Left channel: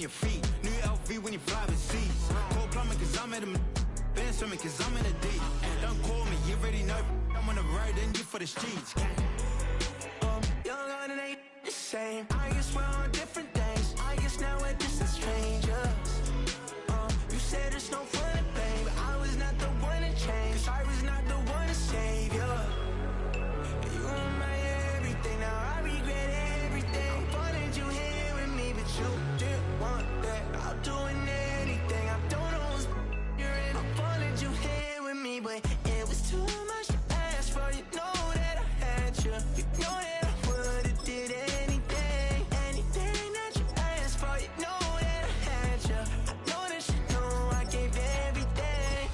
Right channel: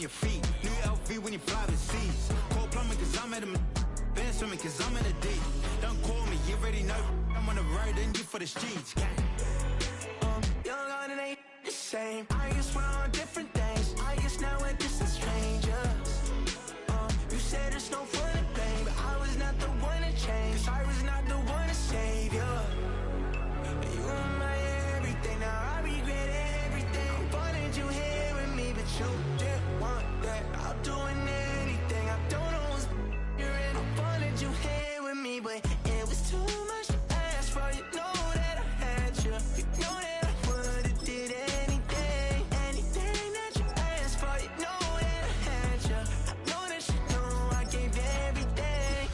on your feet. New LV when you fly overseas. Cold plumbing cause I'm at a band swimming cause I'm in a deep. Don't call me, you already know. I'm on the road and you for the streets. Young on it ain't the same. I guess we're on different things. I guess now we're distant strangers. You said it's no fun to blame, but I was not the one to change. Cause I was not the one to save you. You were my everything, now I regret everything. I wanted you here with me, but you didn't want that. I'll do anything, I don't know what's you're in. I wanted you here with me, but it was too much to ask for. You know that I had you. You know that I would've did anything, anything that you asked for. You know that I had you. I know that you know I gave everything.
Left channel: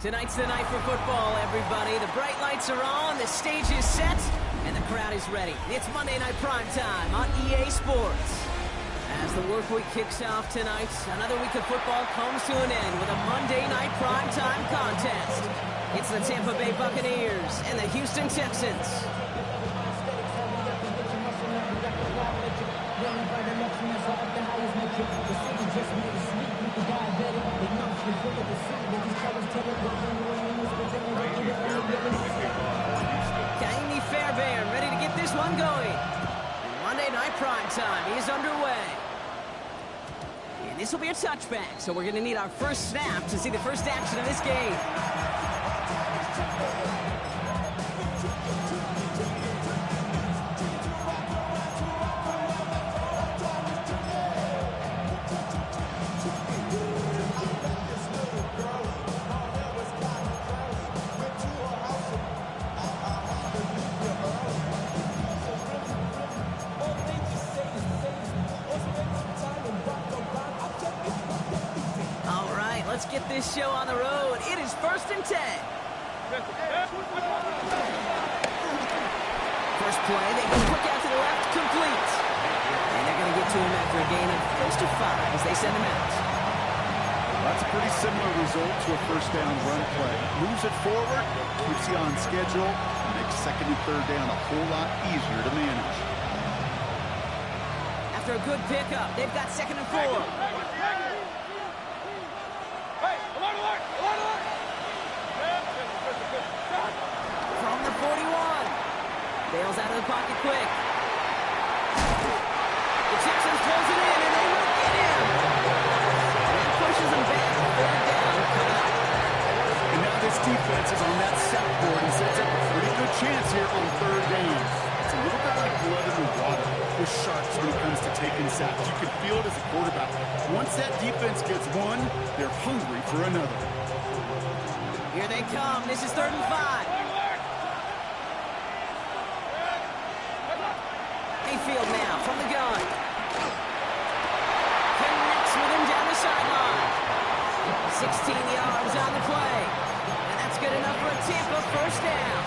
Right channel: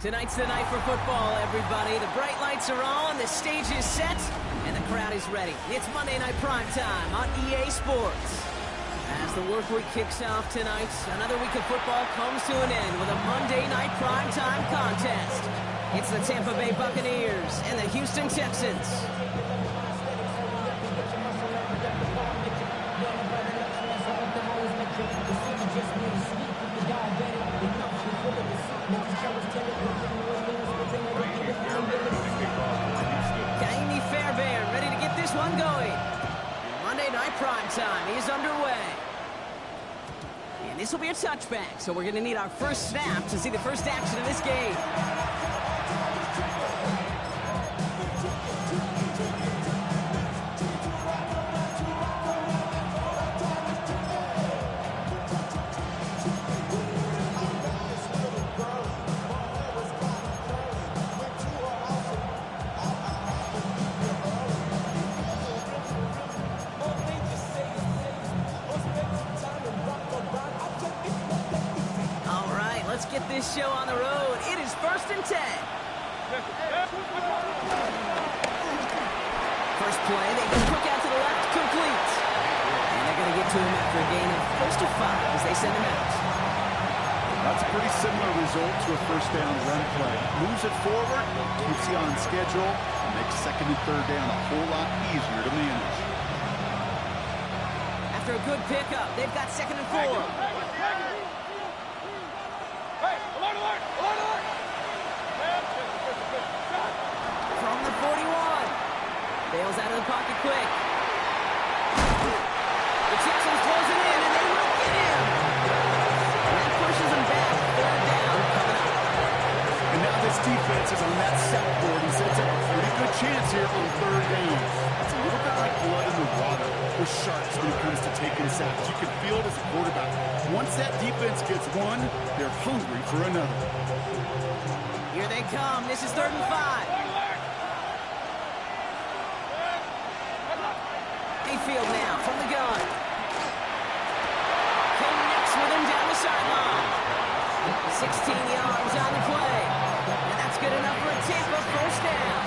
Tonight's the night for football, everybody. The bright lights are on, the stage is set, and the crowd is ready. It's Monday Night Primetime on EA Sports. As the work week kicks off tonight, another week of football comes to an end with a Monday Night Primetime contest. It's the Tampa Bay Buccaneers and the Houston Texans. Kaimi Fairbairn ready to get this one going. And Monday Night Primetime is underway. And this will be a touchback, so we're going to need our first snap to see the first action of this game. Let's get this show on the road. It is 1st and 10. First play, they go quick out to the left, complete. And they're going to get to him after a gain of close to 5 as they send him out. That's a pretty similar result to a first down run play. Moves it forward, keeps you on schedule, and makes 2nd and 3rd down a whole lot easier to manage. After a good pickup, they've got 2nd and 4. From the 41. Bails out of the pocket quick. The Texans close it in, and they will get him. And that pushes them back. 3rd down coming up. And now this defense is on that sack board and sets up a pretty good chance here on 3rd down. It's a little bit like blood in the water with sharks when it comes to taking sacks. You can feel it as a quarterback. Once that defense gets one, they're hungry for another. Here they come. This is 3rd and 5. Mayfield now from the gun. Connects with him down the sideline. 16 yards on the play. And that's good enough for a Tampa first down.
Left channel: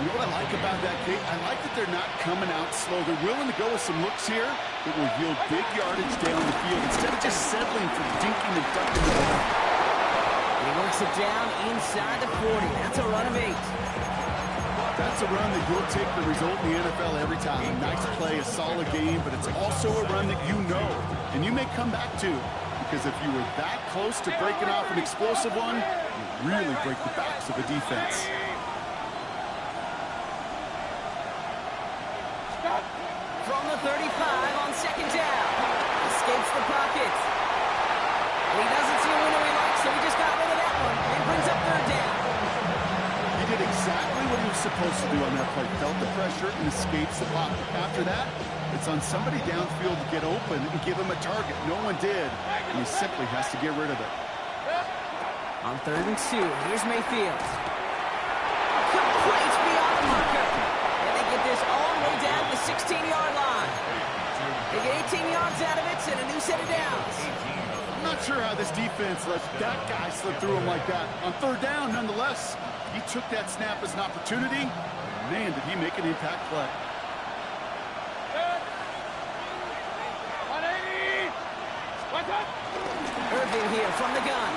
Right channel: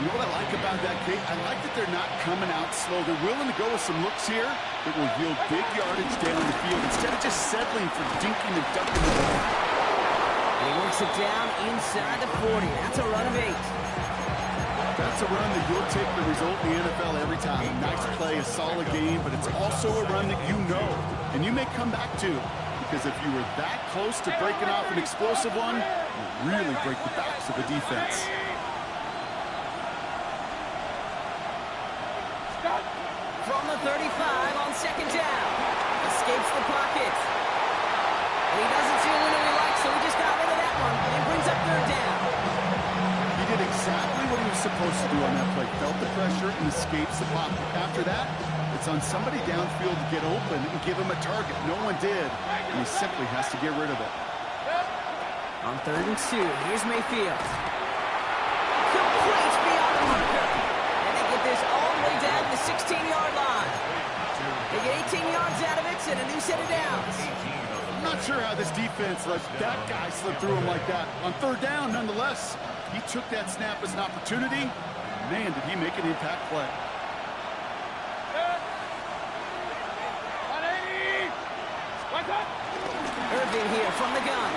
You know what I like about that, Kate? I like that they're not coming out slow. They're willing to go with some looks here that will yield big yardage down the field instead of just settling for dinking and ducking the ball. And he works it down inside the 40. That's a run of 8. That's a run that you'll take the result in the NFL every time. A nice play, a solid game, but it's also a run that you know, and you may come back to, because if you were that close to breaking off an explosive one, you really break the backs of the defense. From the 35 on 2nd down. Escapes the pocket. And he doesn't see a window he likes, so he just got rid of that one and brings up 3rd down. He did exactly what he was supposed to do on that play. Felt the pressure and escapes the pocket. After that, it's on somebody downfield to get open and give him a target. No one did, and he simply has to get rid of it. On 3rd and 2, here's Mayfield. Complete beyond the marker. And they get this all the way down to the 16-yard line. They get 18 yards out of it and a new set of downs. Not sure how this defense let that guy slip through him like that. On third down, nonetheless, he took that snap as an opportunity. Man, did he make an impact play. Irvin here from the gun.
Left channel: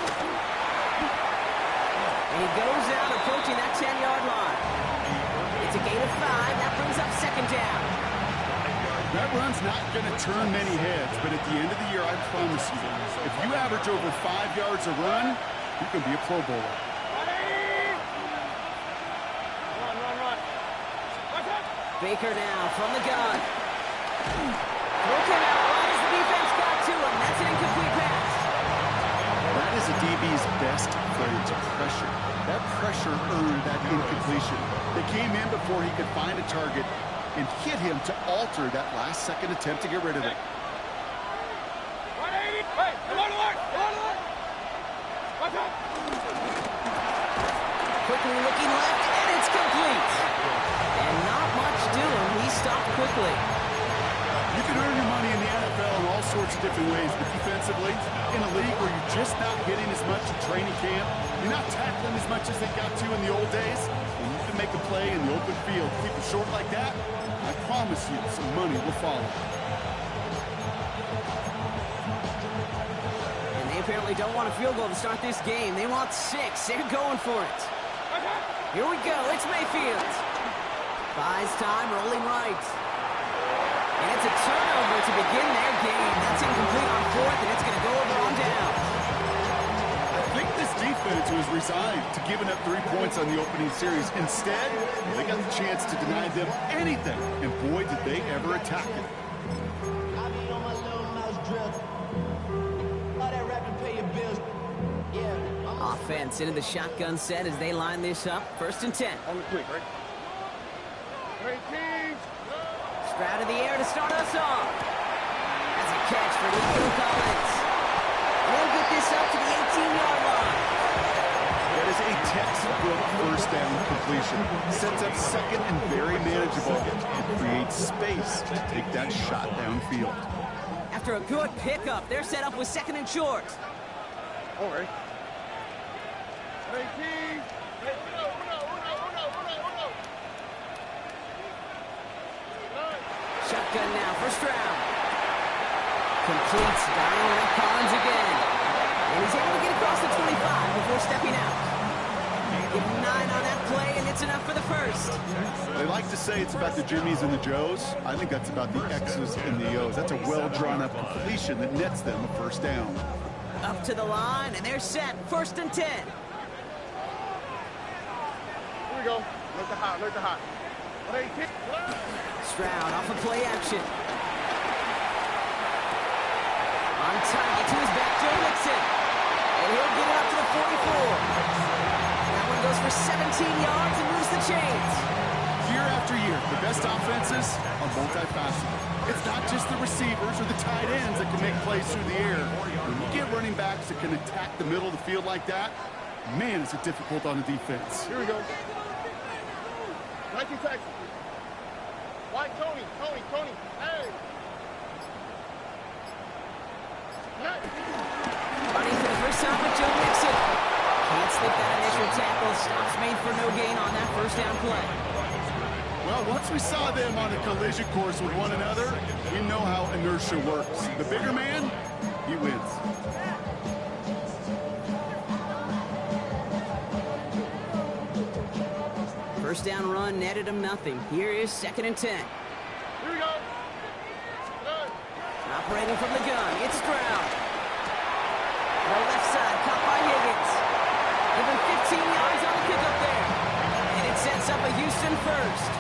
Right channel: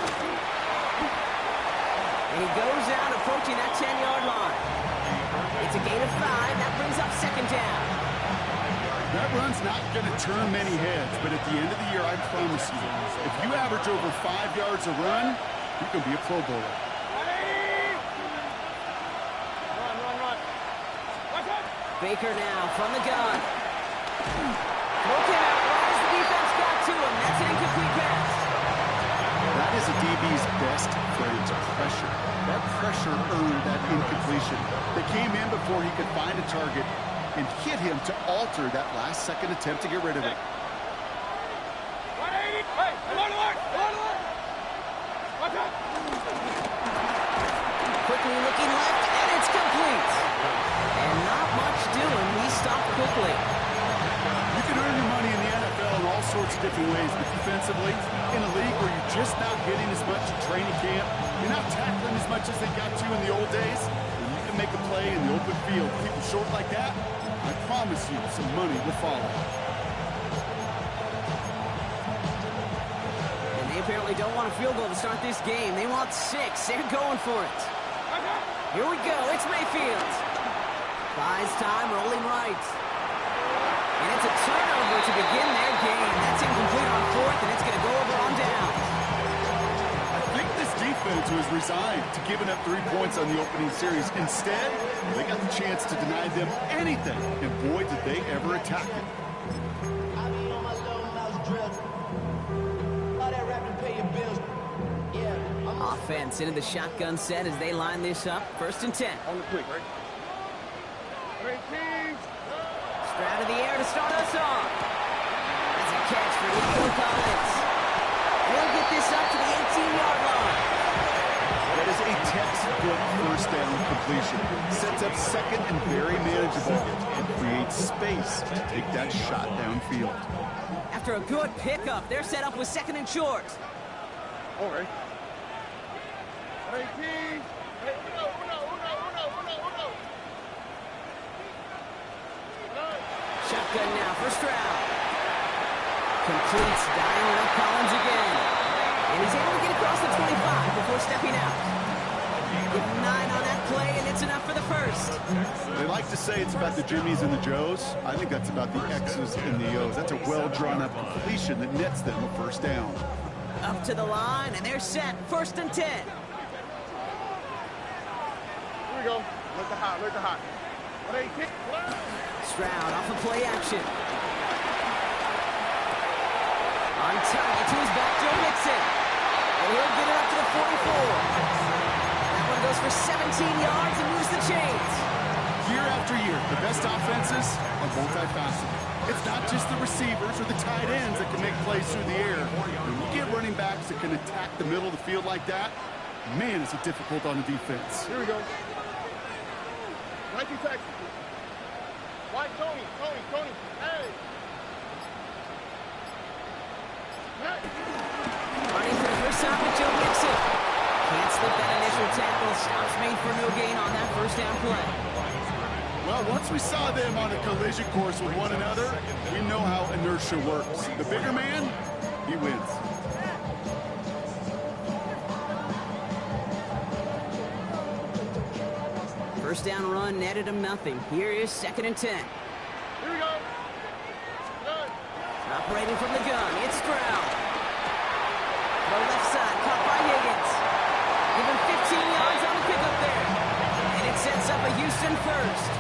And he goes out approaching that 10-yard line. It's a gain of 5. That brings up second down. That run's not going to turn many heads, but at the end of the year, I promise you, if you average over 5 yards a run, you can be a Pro Bowler. Baker now from the gun. Throw came out right as the defense got to him. That's an incomplete pass. That is a DB's best friend, pressure. That pressure earned that incompletion. They came in before he could find a target and hit him to alter that last-second attempt to get rid of it. Quickly looking left, and it's complete. And not much doing. He stopped quickly. You can earn your money in the NFL in all sorts of different ways, but defensively, in a league where you're just not hitting as much in training camp, you're not tackling as much as they got to in the old days, when you can make a play in the open field, people short like that, I promise you some money will follow. And they apparently don't want a field goal to start this game. They want 6. They're going for it. Here we go. It's Mayfield. Buys time, rolling right. And it's a turnover to begin their game. That's incomplete on 4th, and it's going to go over on down. I think this defense was resigned to giving up 3 points on the opening series. Instead, they got the chance to deny them anything, and boy, did they ever attack it. I be on my little mouse drill. All that rapping, pay your bills. Yeah. Offense into the shotgun set as they line this up. 1st and 10. On the quick, right? Stroud of the air to start us off. That's a catch for Nico Collins. And he'll get this up to the 18-yard line. That is a textbook first down completion. Sets up second and very manageable and creates space to take that shot downfield. After a good pickup, they're set up with 2nd and short. All right. Shotgun now for Stroud. Completes, dialing up Collins again. And he's able to get across the 25 before stepping out. Give him 9 on that play, and it's enough for the first. They like to say it's about the Jimmies and the Joes. I think that's about the X's and the O's. That's a well-drawn-up completion that nets them a first down. Up to the line, and they're set. 1st and 10. Here we go. Look the hot, look the hot. Stroud off of play action. On target to his back, Joe Mixon. And he'll get it up to the 44. That one goes for 17 yards and moves the chains. Year after year, the best offenses are multifaceted. It's not just the receivers or the tight ends that can make plays through the air. When you get running backs that can attack the middle of the field like that, man, is it difficult on the defense. Here we go. Nike Texas. White Tony. Hey. Running for the first time with Joe Mixon. Can't slip that initial tackle. Stops made for no gain on that first down play. Well, once we saw them on a collision course with one another, we know how inertia works. The bigger man, he wins. First down run netted him nothing. Here is 2nd and 10. Here we go. Good. Operating from the gun, it's Stroud. Throw left side, caught by Higgins. Give him 15 yards on the pickup there. And it sets up a Houston first.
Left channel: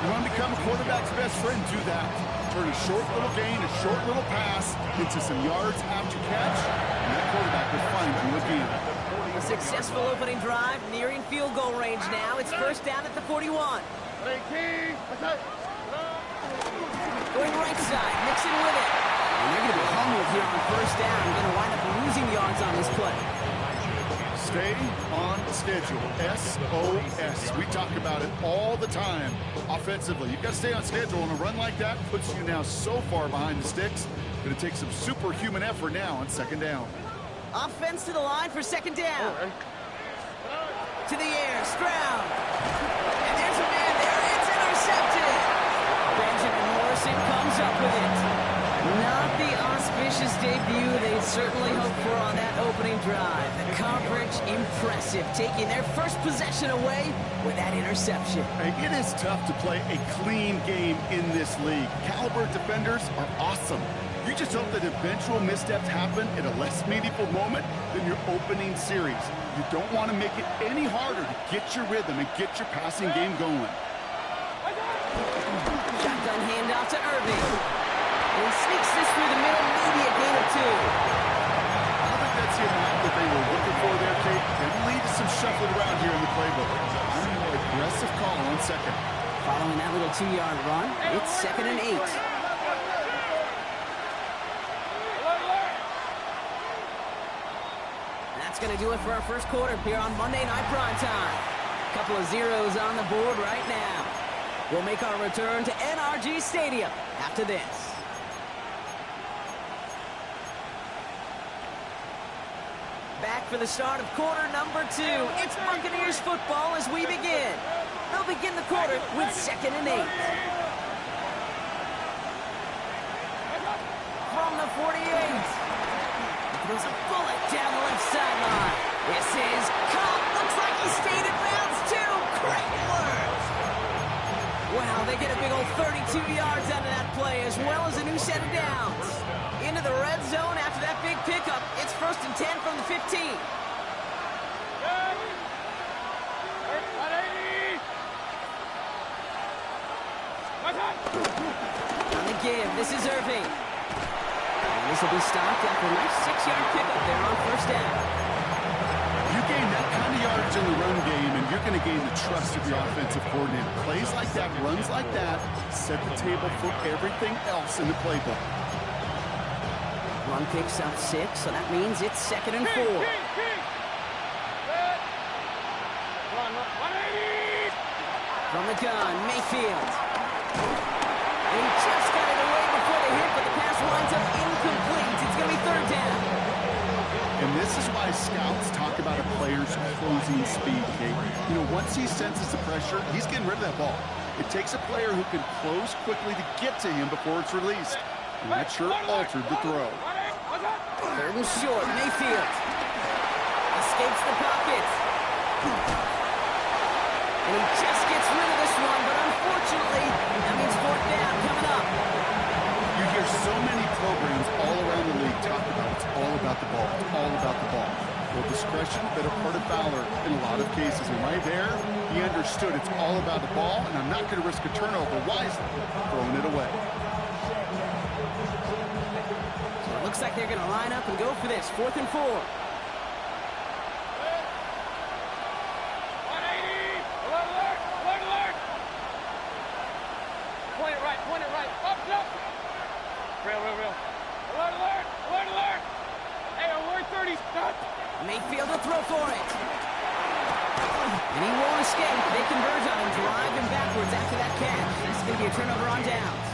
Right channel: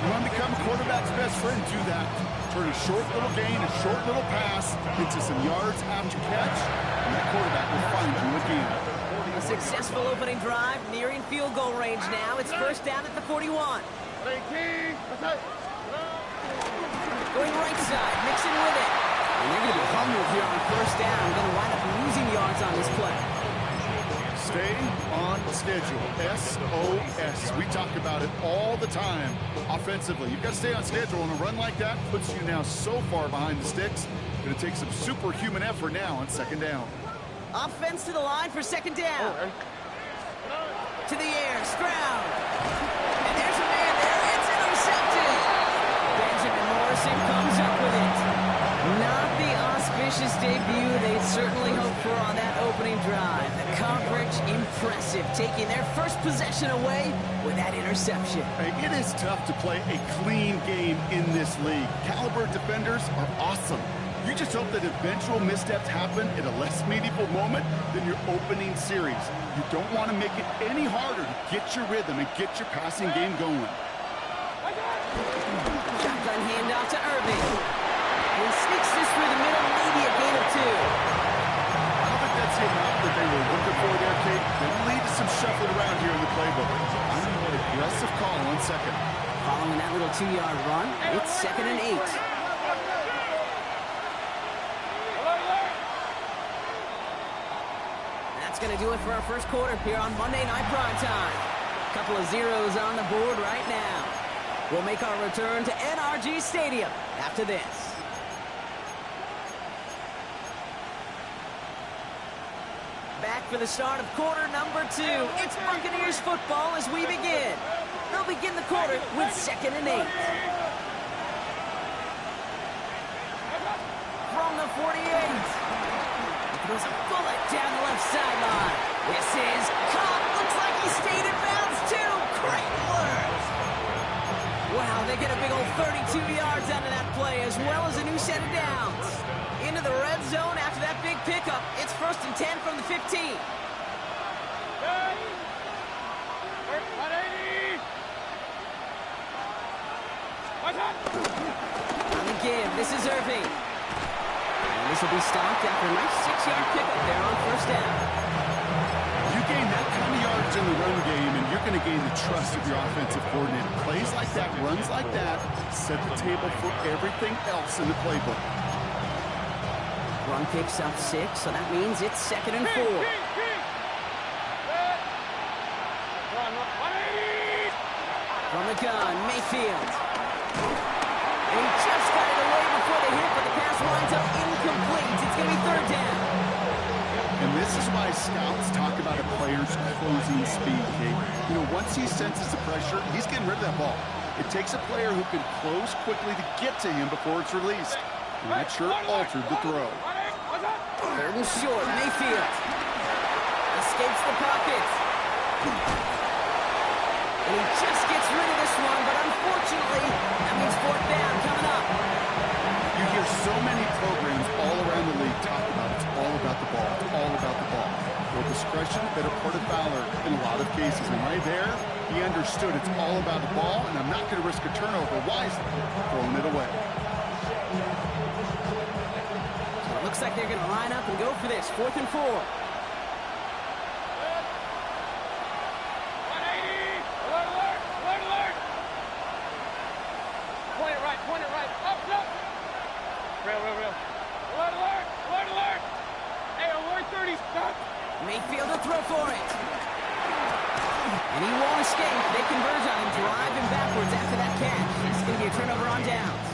You want to become a quarterback's best friend, do that. Turn a short little gain, a short little pass into some yards after catch, and that quarterback will find you again. A successful opening drive, nearing field goal range now. It's first down at the 41. Going right side, Mixon with it. And they're going to be humbled here on first down. Going to wind up losing yards on this play. Stay on schedule. SOS. We talk about it all the time offensively. You've got to stay on schedule, and a run like that puts you now so far behind the sticks. Going to take some superhuman effort now on second down. Offense to the line for second down. To the air, Stroud. And there's a man there. It's intercepted. Benjamin Morrison comes up with it. Not the auspicious debut they'd certainly hoped for on that opening drive. The coverage, impressive, taking their first possession away with that interception. Hey, it is tough to play a clean game in this league. Caliber defenders are awesome. You just hope that eventual missteps happen at a less meaningful moment than your opening series. You don't want to make it any harder to get your rhythm and get your passing game going. Shotgun handoff to Irving. And he sneaks this through the middle, maybe a gain of 2. I don't think that's the amount that they were looking for there, Kate. Could lead to some shuffling around here in the playbook. I'm a more aggressive call on second. Following that little 2-yard run, it's 2nd and 8. That's going to do it for our first quarter here on Monday Night Primetime. Couple of zeros on the board right now. We'll make our return to NRG Stadium after this. Back for the start of quarter number 2. It's Buccaneers football as we begin. They'll begin the quarter with 2nd and 8. From the 48. He throws a bullet down the left sideline. This is Cobb. Looks like he stayed in bounds too. Great work. Wow, they get a big old 32 yards out of that play as well as a new set of downs. Into the red zone after that big pickup. It's 1st and 10 from the 15. On the give, this is Irving. And this will be stopped after a nice 6-yard pickup there on 1st down. You gain that kind of yardage in the run game, and you're going to gain the trust of your offensive coordinator. Plays like that, runs like that, set the table for everything else in the playbook. Run picks up 6, so that means it's 2nd and 4. From the gun, Mayfield. And he just got it away before the hit, but the pass winds up incomplete. It's going to be 3rd down. And this is why scouts talk about a player's closing speed, Kate. You know, once he senses the pressure, he's getting rid of that ball. It takes a player who can close quickly to get to him before it's released. And that sure altered the throw. 3rd and short, Mayfield. Escapes the pocket. And he just gets rid of this one, but unfortunately, that means 4th down coming up. You hear so many programs all around the league talk about it's all about the ball. It's all about the ball. Well, discretion, better part of valor in a lot of cases. And right there, he understood it's all about the ball, and I'm not going to risk a turnover wisely, throwing it away. So it looks like they're going to line up and go for this. 4th and 4. Point it right. Up. Real. Alert. Hey, alert 30, stop. Mayfield will throw for it. And he won't escape. They converge on him, drive him backwards after that catch. It's going to be a turnover on downs.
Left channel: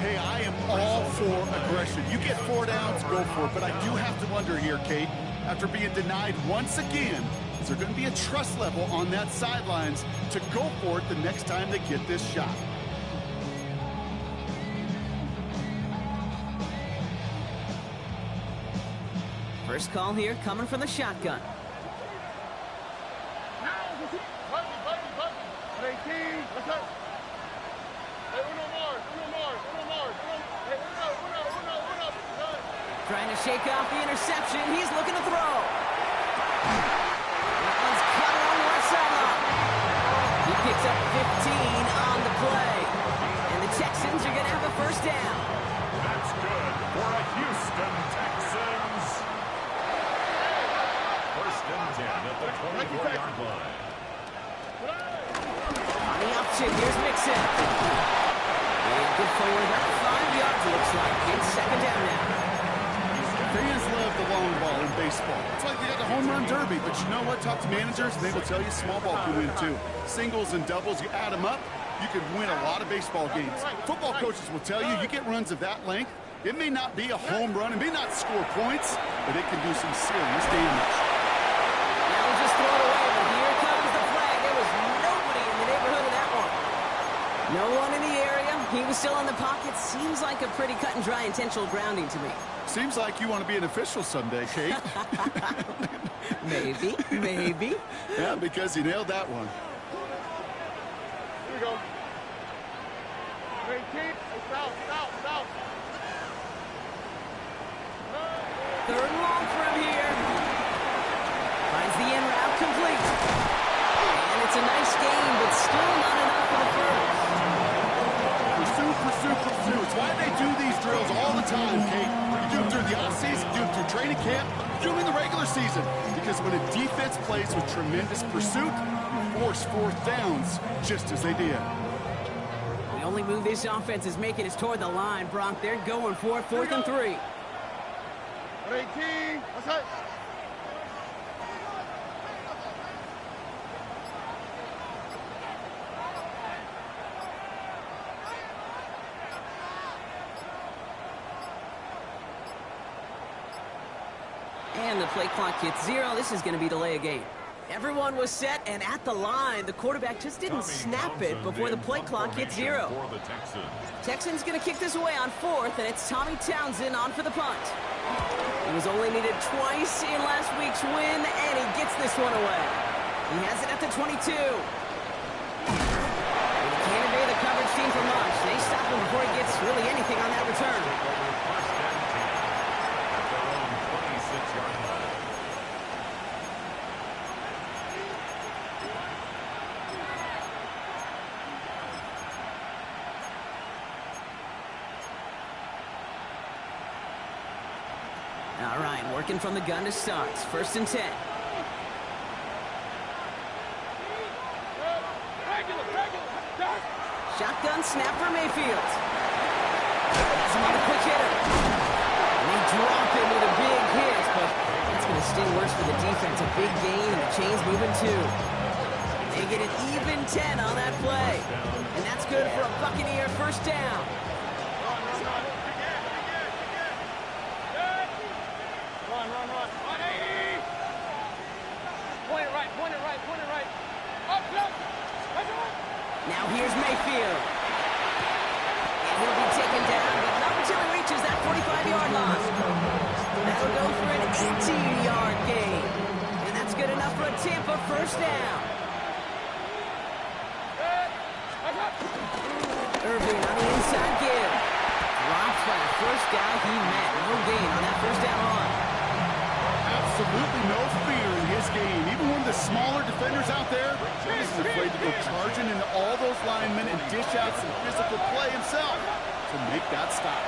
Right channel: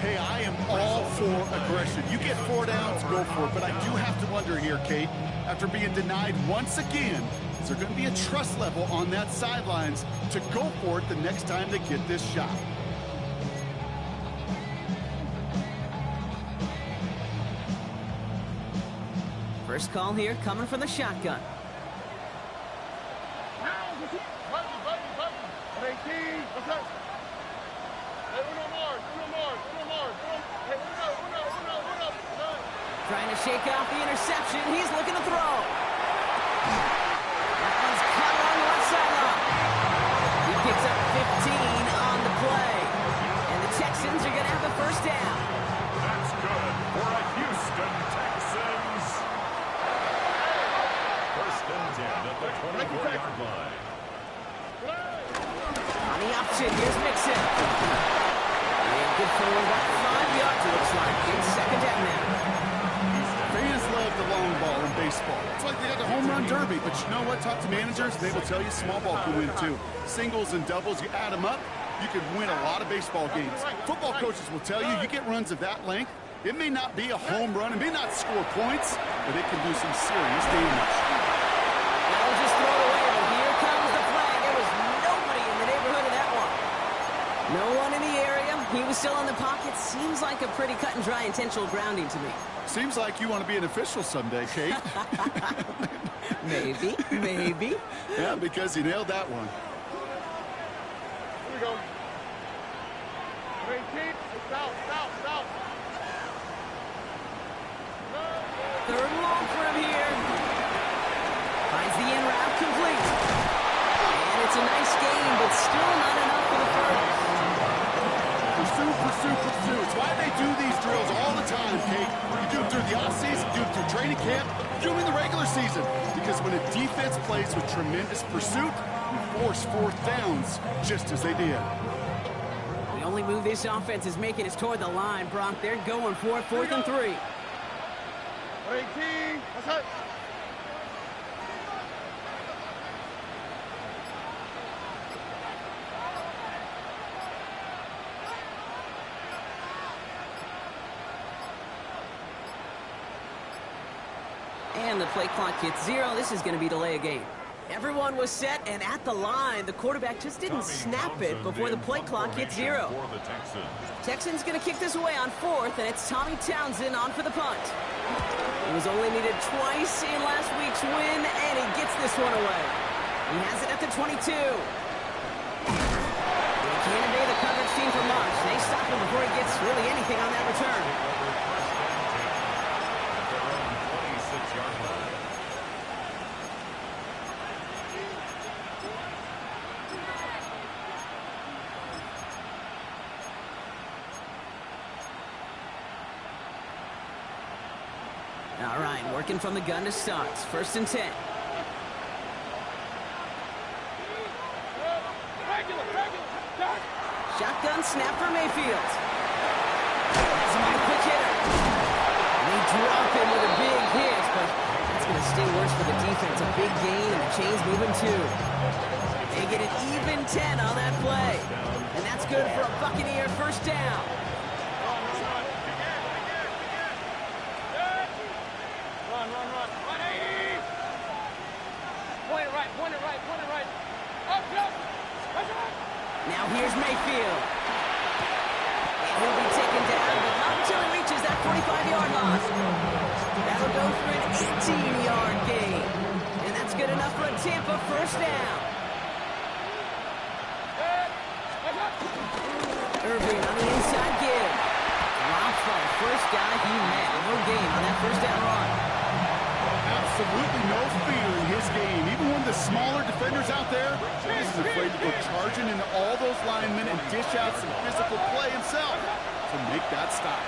Hey, I am all for aggression. You get 4 downs, go for it. But I do have to wonder here, Kate, after being denied once again, is there going to be a trust level on that sidelines to go for it the next time they get this shot? First call here coming from the shotgun. Buggy. 18. What's up? Hey, uno more. Hey, uno. Trying to shake off the interception. He's looking to throw. That one's caught along the left sideline. He picks up 15 on the play. And the Texans are going to have a 1st down. That's good for a Houston Texans. 1st and 10 at the 24-yard line. On the option, here's Mixon. And good forward about 5 yards, it looks like. It's 2nd down now. Fans love the long ball in baseball. It's like they got the home run derby, but you know what? Talk to managers, they will tell you small ball can win too. Singles and doubles, you add them up, you can win a lot of baseball games. Football coaches will tell you, you get runs of that length, It may not be a home run, it may not score points, but it can do some serious damage. That was just thrown away, but here comes the flag. There was nobody in the neighborhood of that one. No one in the area. He was still in the pocket. Seems like a pretty cut and dry intentional grounding to me. Seems like you want to be an official someday, Kate. Maybe, maybe. Yeah, because he nailed that one. Here we go. 18. South. Third and long for him here. Finds the in route complete. And it's a nice gain, but still not enough for the first. Pursue. It's why they do these drills all the time, Kate. You do them through the offseason, do them through training camp, do them in the regular season. Because when a defense plays with tremendous pursuit, you force fourth downs, just as they did. The only move this offense is making is toward the line, Brock. They're going for it, 4th and 3. 18. What's up? And the play clock hits 0. This is going to be delay a game. Everyone was set and at the line. The quarterback just didn't snap it before the play clock hit 0. Texans going to kick this away on 4th, and it's Tommy Townsend on for the punt. He was only needed twice in last week's win, and he gets this one away. He has it at the 22. And he can't evade the coverage team for much. They stop him before he gets really anything on that return. At their own 26-yard line. All right, working from the gun to start. 1st and 10. Shotgun snap for Mayfield. Has him on the quick hitter. And they drop him with a big hit, but that's going to sting worse for the defense. A big gain, and the chain's moving too. They get an even 10 on that play. And that's good for a Buccaneer first down. Run. 180. Point it right. Up, close. Now here's Mayfield. And he'll be taken down, but not until he reaches that 45-yard line. That'll go for an 18-yard gain. And that's good enough for a Tampa first down. Irving on the inside give. Dropped by the first guy he met. No gain on that first down run. Absolutely no fear in his game. Even one of the smaller defenders out there, he isn't afraid to go charging into all those linemen and dish out some physical play himself to make that stop.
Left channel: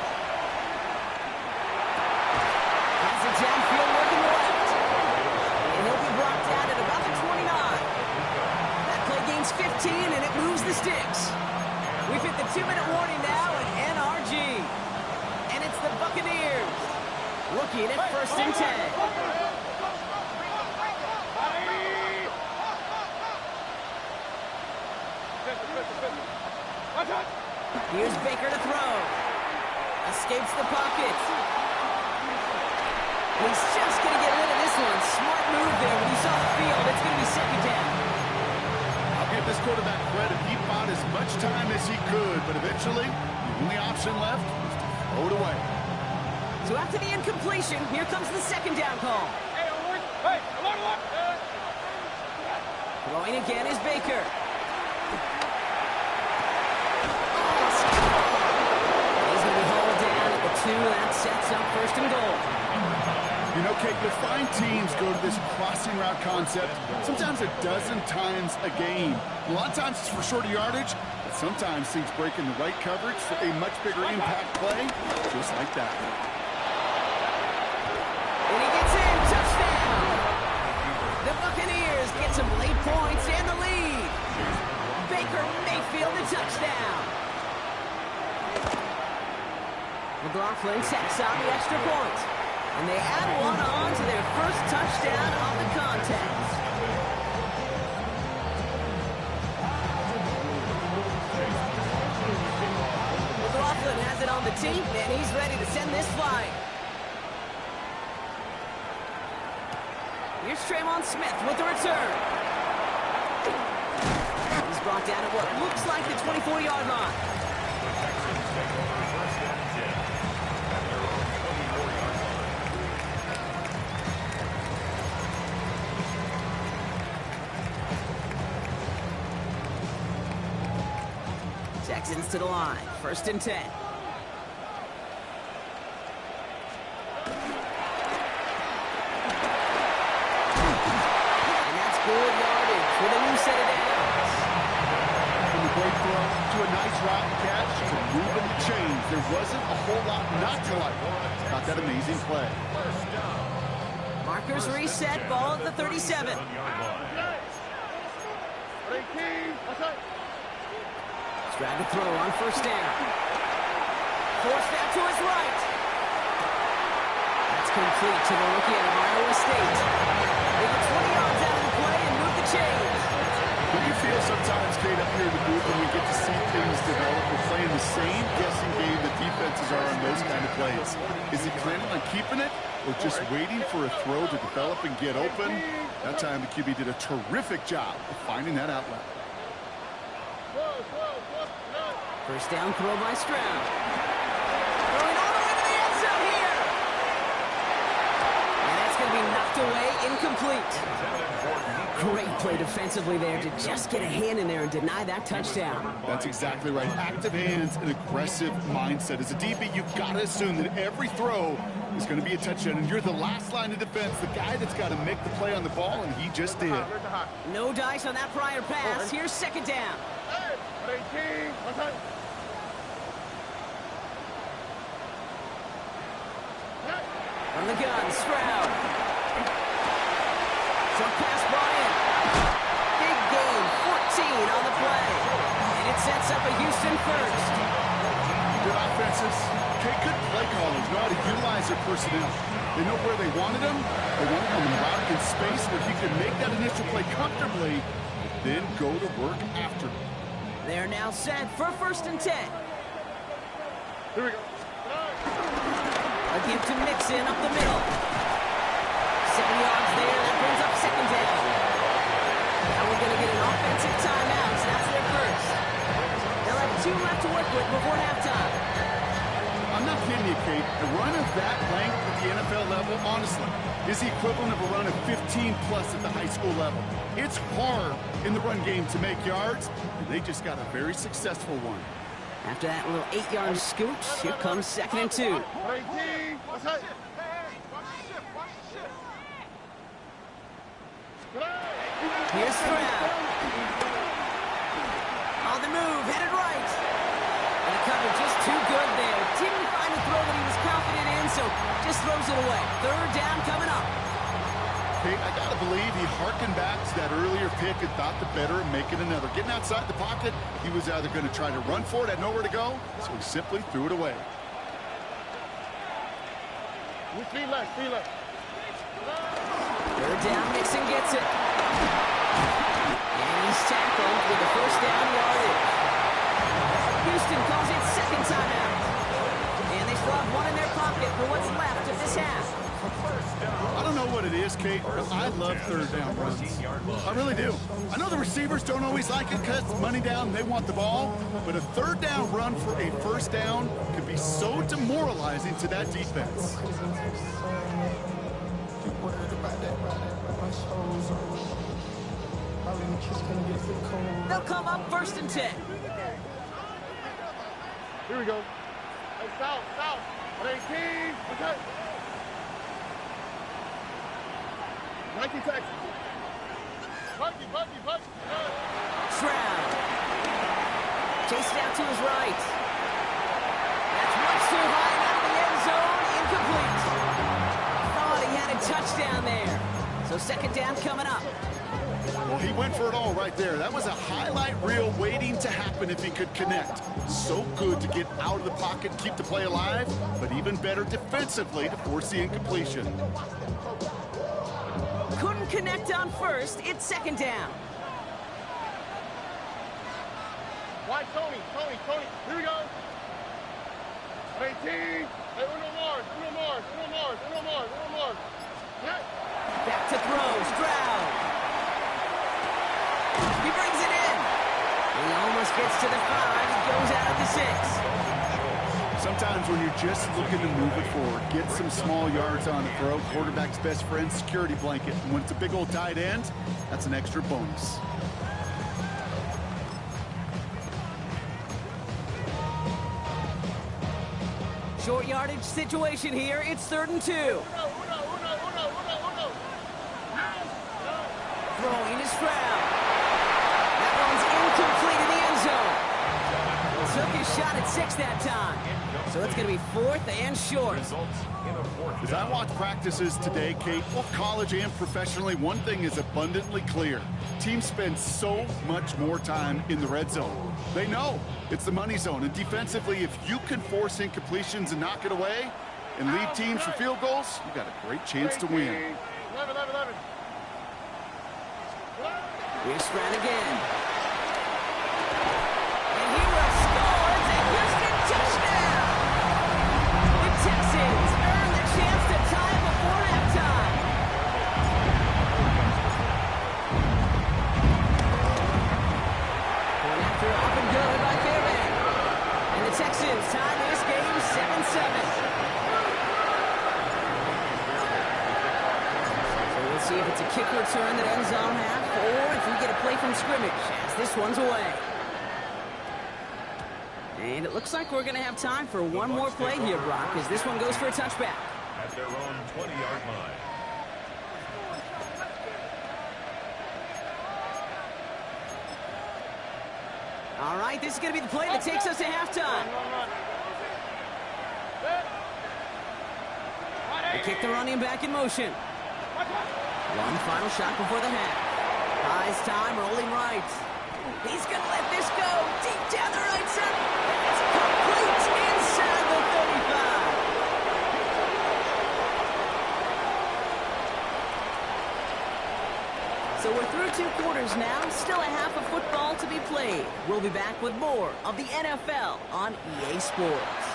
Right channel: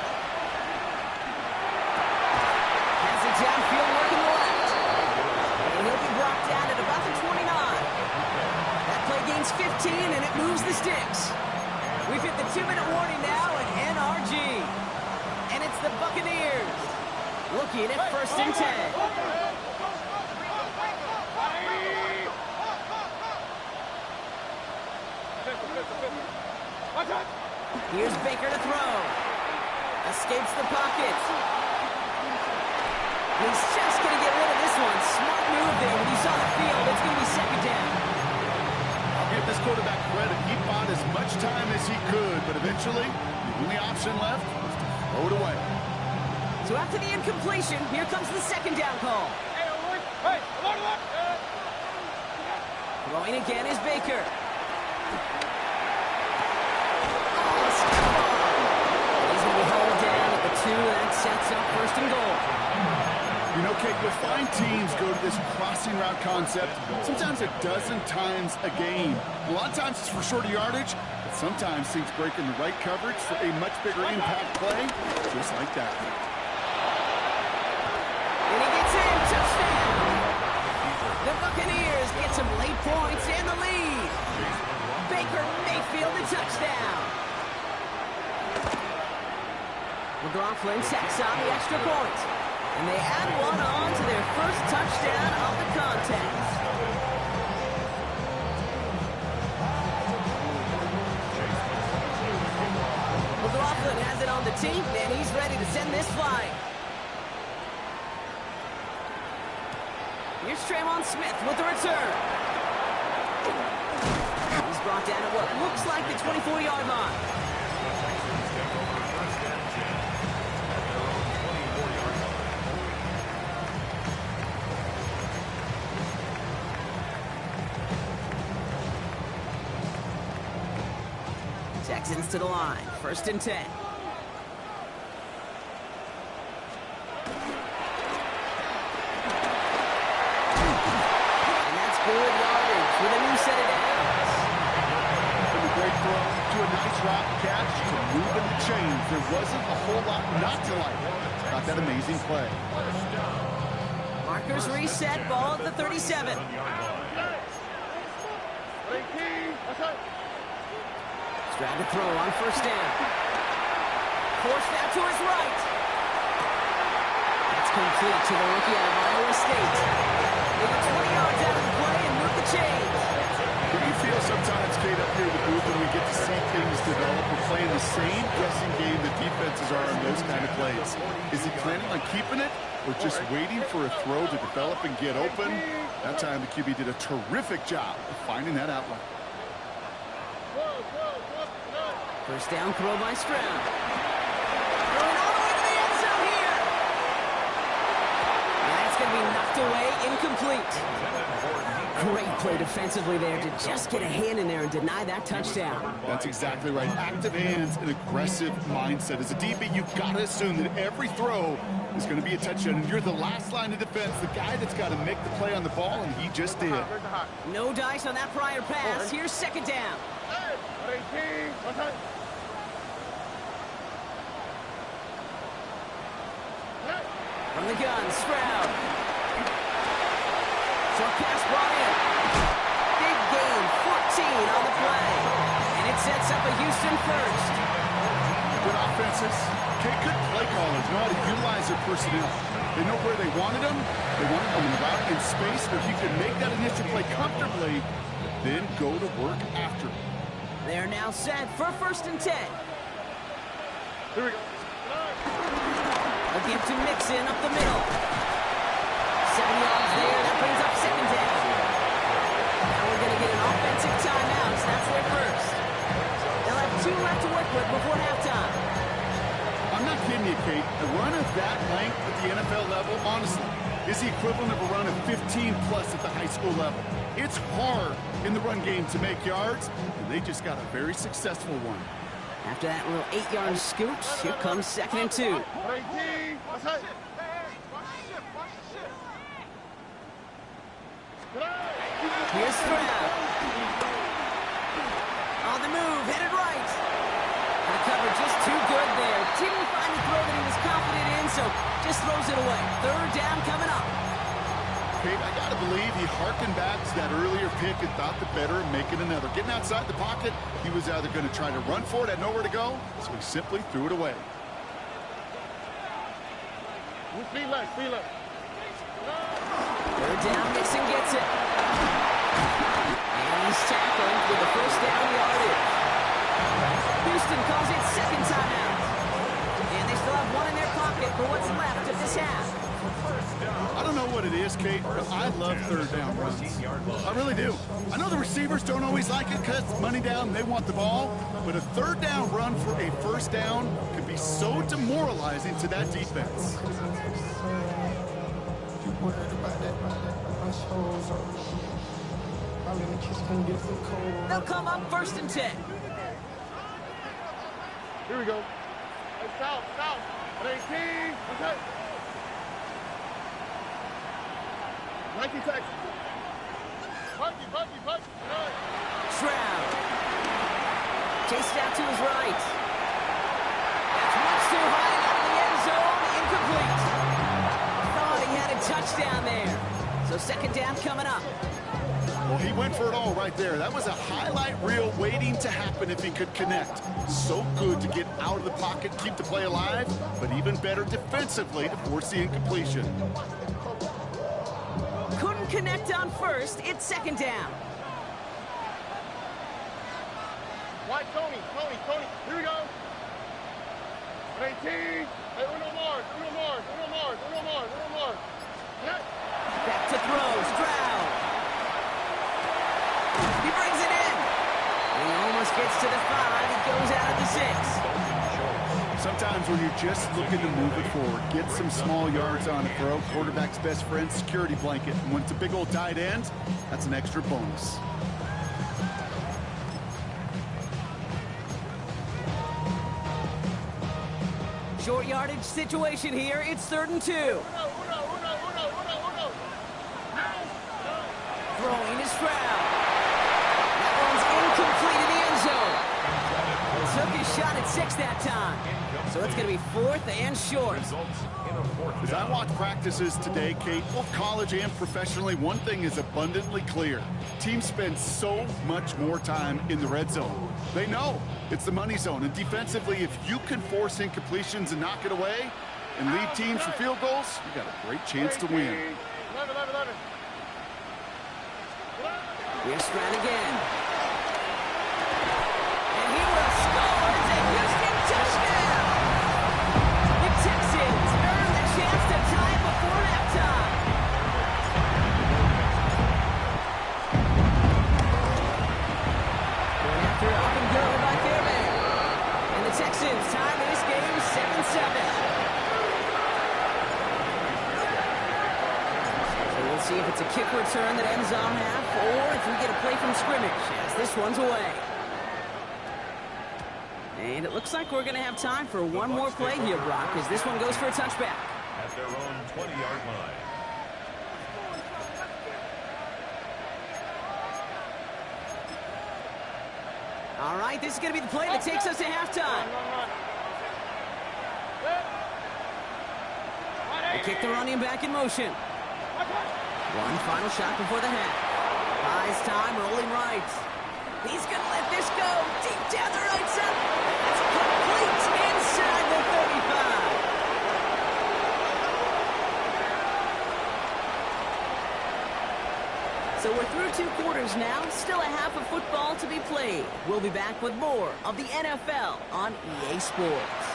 Has it downfield working the left. And he'll be brought down at about the 29. That play gains 15, and it moves the sticks. We've hit the 2-minute warning now at NRG. And it's the Buccaneers looking at 1st and 10. Here's Baker to throw. Escapes the pocket. He's just going to get rid of this one. Smart move there when he saw the field. It's going to be 2nd down. I'll give this quarterback credit. He bought as much time as he could, but eventually, the only option left was to throw it away. So after the incompletion, here comes the 2nd down call. Throwing again is Baker. Oh, step on. He's going to be hauled down at the 2. That sets up 1st and goal. You know, Kate, you'll find teams go to this crossing route concept sometimes a dozen times a game. A lot of times it's for shorter yardage, but sometimes things break in the right coverage for a much bigger impact play, just like that. And he gets in. Touchdown. The Buccaneers get some late points and the lead. Baker Mayfield the touchdown. McLaughlin tacks on the extra point. And they add one on to their first touchdown of the contest. McLaughlin Cleveland has it on the tee, and he's ready to send this flying. Here's Traymon Smith with the return. He's brought down at what looks like the 24-yard line. The Texans take over first and 10 at their own 24-yard line. Texans to the line, first and 10. Good yardage with a new set of downs. From a great throw to a nice route catch to moving the chains. There wasn't a whole lot not to like about that amazing play. Markers reset, ball at the 37. Strad to throw on first down. Forced out to his right. That's complete to the rookie out of Iowa State. They get 20 yards out of the play and move the chains. What do you feel sometimes, Kate, up here in the booth when we get to see things develop? We're playing the same guessing game that defenses are on those kind of plays. Is he planning on keeping it or just waiting for a throw to develop and get open? That time the QB did a terrific job of finding that outlet. First down throw by Stroud. Throwing all the way to the end zone here. And that's going to be knocked away, incomplete. Great play defensively there to just get a hand in there and deny that touchdown. That's exactly right. Active hands and aggressive mindset. As a DB, you've got to assume that every throw is going to be a touchdown, and you're the last line of defense, the guy that's got to make the play on the ball, and he just did. No dice on that prior pass. Here's second down. From the gun, Stroud. Short pass brought in. Big gain, 14 on the play. And it sets up a Houston first. Good offenses. Okay, good play callers know how to utilize their personnel. They know where they wanted them. They wanted them in the route in space where he could make that initial play comfortably, then go to work after. They're now set for first and 10. Here we go. A give to Mixon up the middle. 7 yards there. That brings up second down. Now we're going to get an offensive timeout, so that's their first. They'll have 2 left to work with before halftime. I'm not kidding you, Kate. A run of that length at the NFL level, honestly, is the equivalent of a run of 15-plus at the high school level. It's hard in the run game to make yards, and they just got a very successful one. After that little 8-yard scooch, here comes second and 2. Here's Stroud. On the move, headed right. And the cover just too good there. Didn't find the throw that he was confident in, so just throws it away. Third down coming up. Kate, I got to believe he hearkened back to that earlier pick and thought the better of making another. Getting outside the pocket, he was either going to try to run for it, had nowhere to go, so he simply threw it away. Speed left, speed left. Third down, Mixon gets it. And he's tackled with the first down yardage. Houston calls it second timeout. And they still have one in their pocket for what's left of this half. I don't know what it is, Kate, but I love third down runs. I really do. I know the receivers don't always like it because it's money down, they want the ball, but a third down run for a first down can be so demoralizing to that defense. They'll come up first and 10. Here we go. Hey, south. 18. Okay. 19 Texas. Buggy. Stroud. Chased out to his right. That's much too high and out of the end zone. Incomplete. Thought he had a touchdown there. So second down coming up. Well, he went for it all right there. That was a highlight reel waiting to happen if he could connect. So good to get out of the pocket, keep the play alive, but even better defensively to force the incompletion. Couldn't connect on first. It's second down. White Tony. Here we go. 18. Hey, uno more. Hey. Back to throw. Stroud. He brings it in. He almost gets to the 5. He goes out at the 6. Sometimes when you're just looking to move it forward, get some small yards on a throw, quarterback's best friend, security blanket. And when it's a big old tight end, that's an extra bonus. Short yardage situation here. It's 3rd and 2. Uno. Throwing is Stroud. That one's incomplete in the end zone. Took his shot at 6 that time. So it's going to be 4th and short. As I watch practices today, Kate, both college and professionally, one thing is abundantly clear. Teams spend so much more time in the red zone. They know it's the money zone. And defensively, if you can force incompletions and knock it away and lead teams for field goals, you got a great chance to win. 11. Here's Stroud again. And he will score. It's a Houston touchdown. The Texans earn the chance to tie it before halftime. Going after up and good by Fairbairn. And the Texans tie this game 7-7. We'll see if it's a kick return that ends on half, or if we get a play from scrimmage, as this one's away. And it looks like we're going to have time for one more play here, Brock, as this one goes for a touchback. At their own 20-yard line. All right, this is going to be the play that takes us to halftime. They kick the running back in motion. One final shot before the half. Buys time, rolling right. He's going to let this go deep down the right side. That's complete inside the 35. So we're through 2 quarters now. Still a half of football to be played. We'll be back with more of the NFL on EA Sports.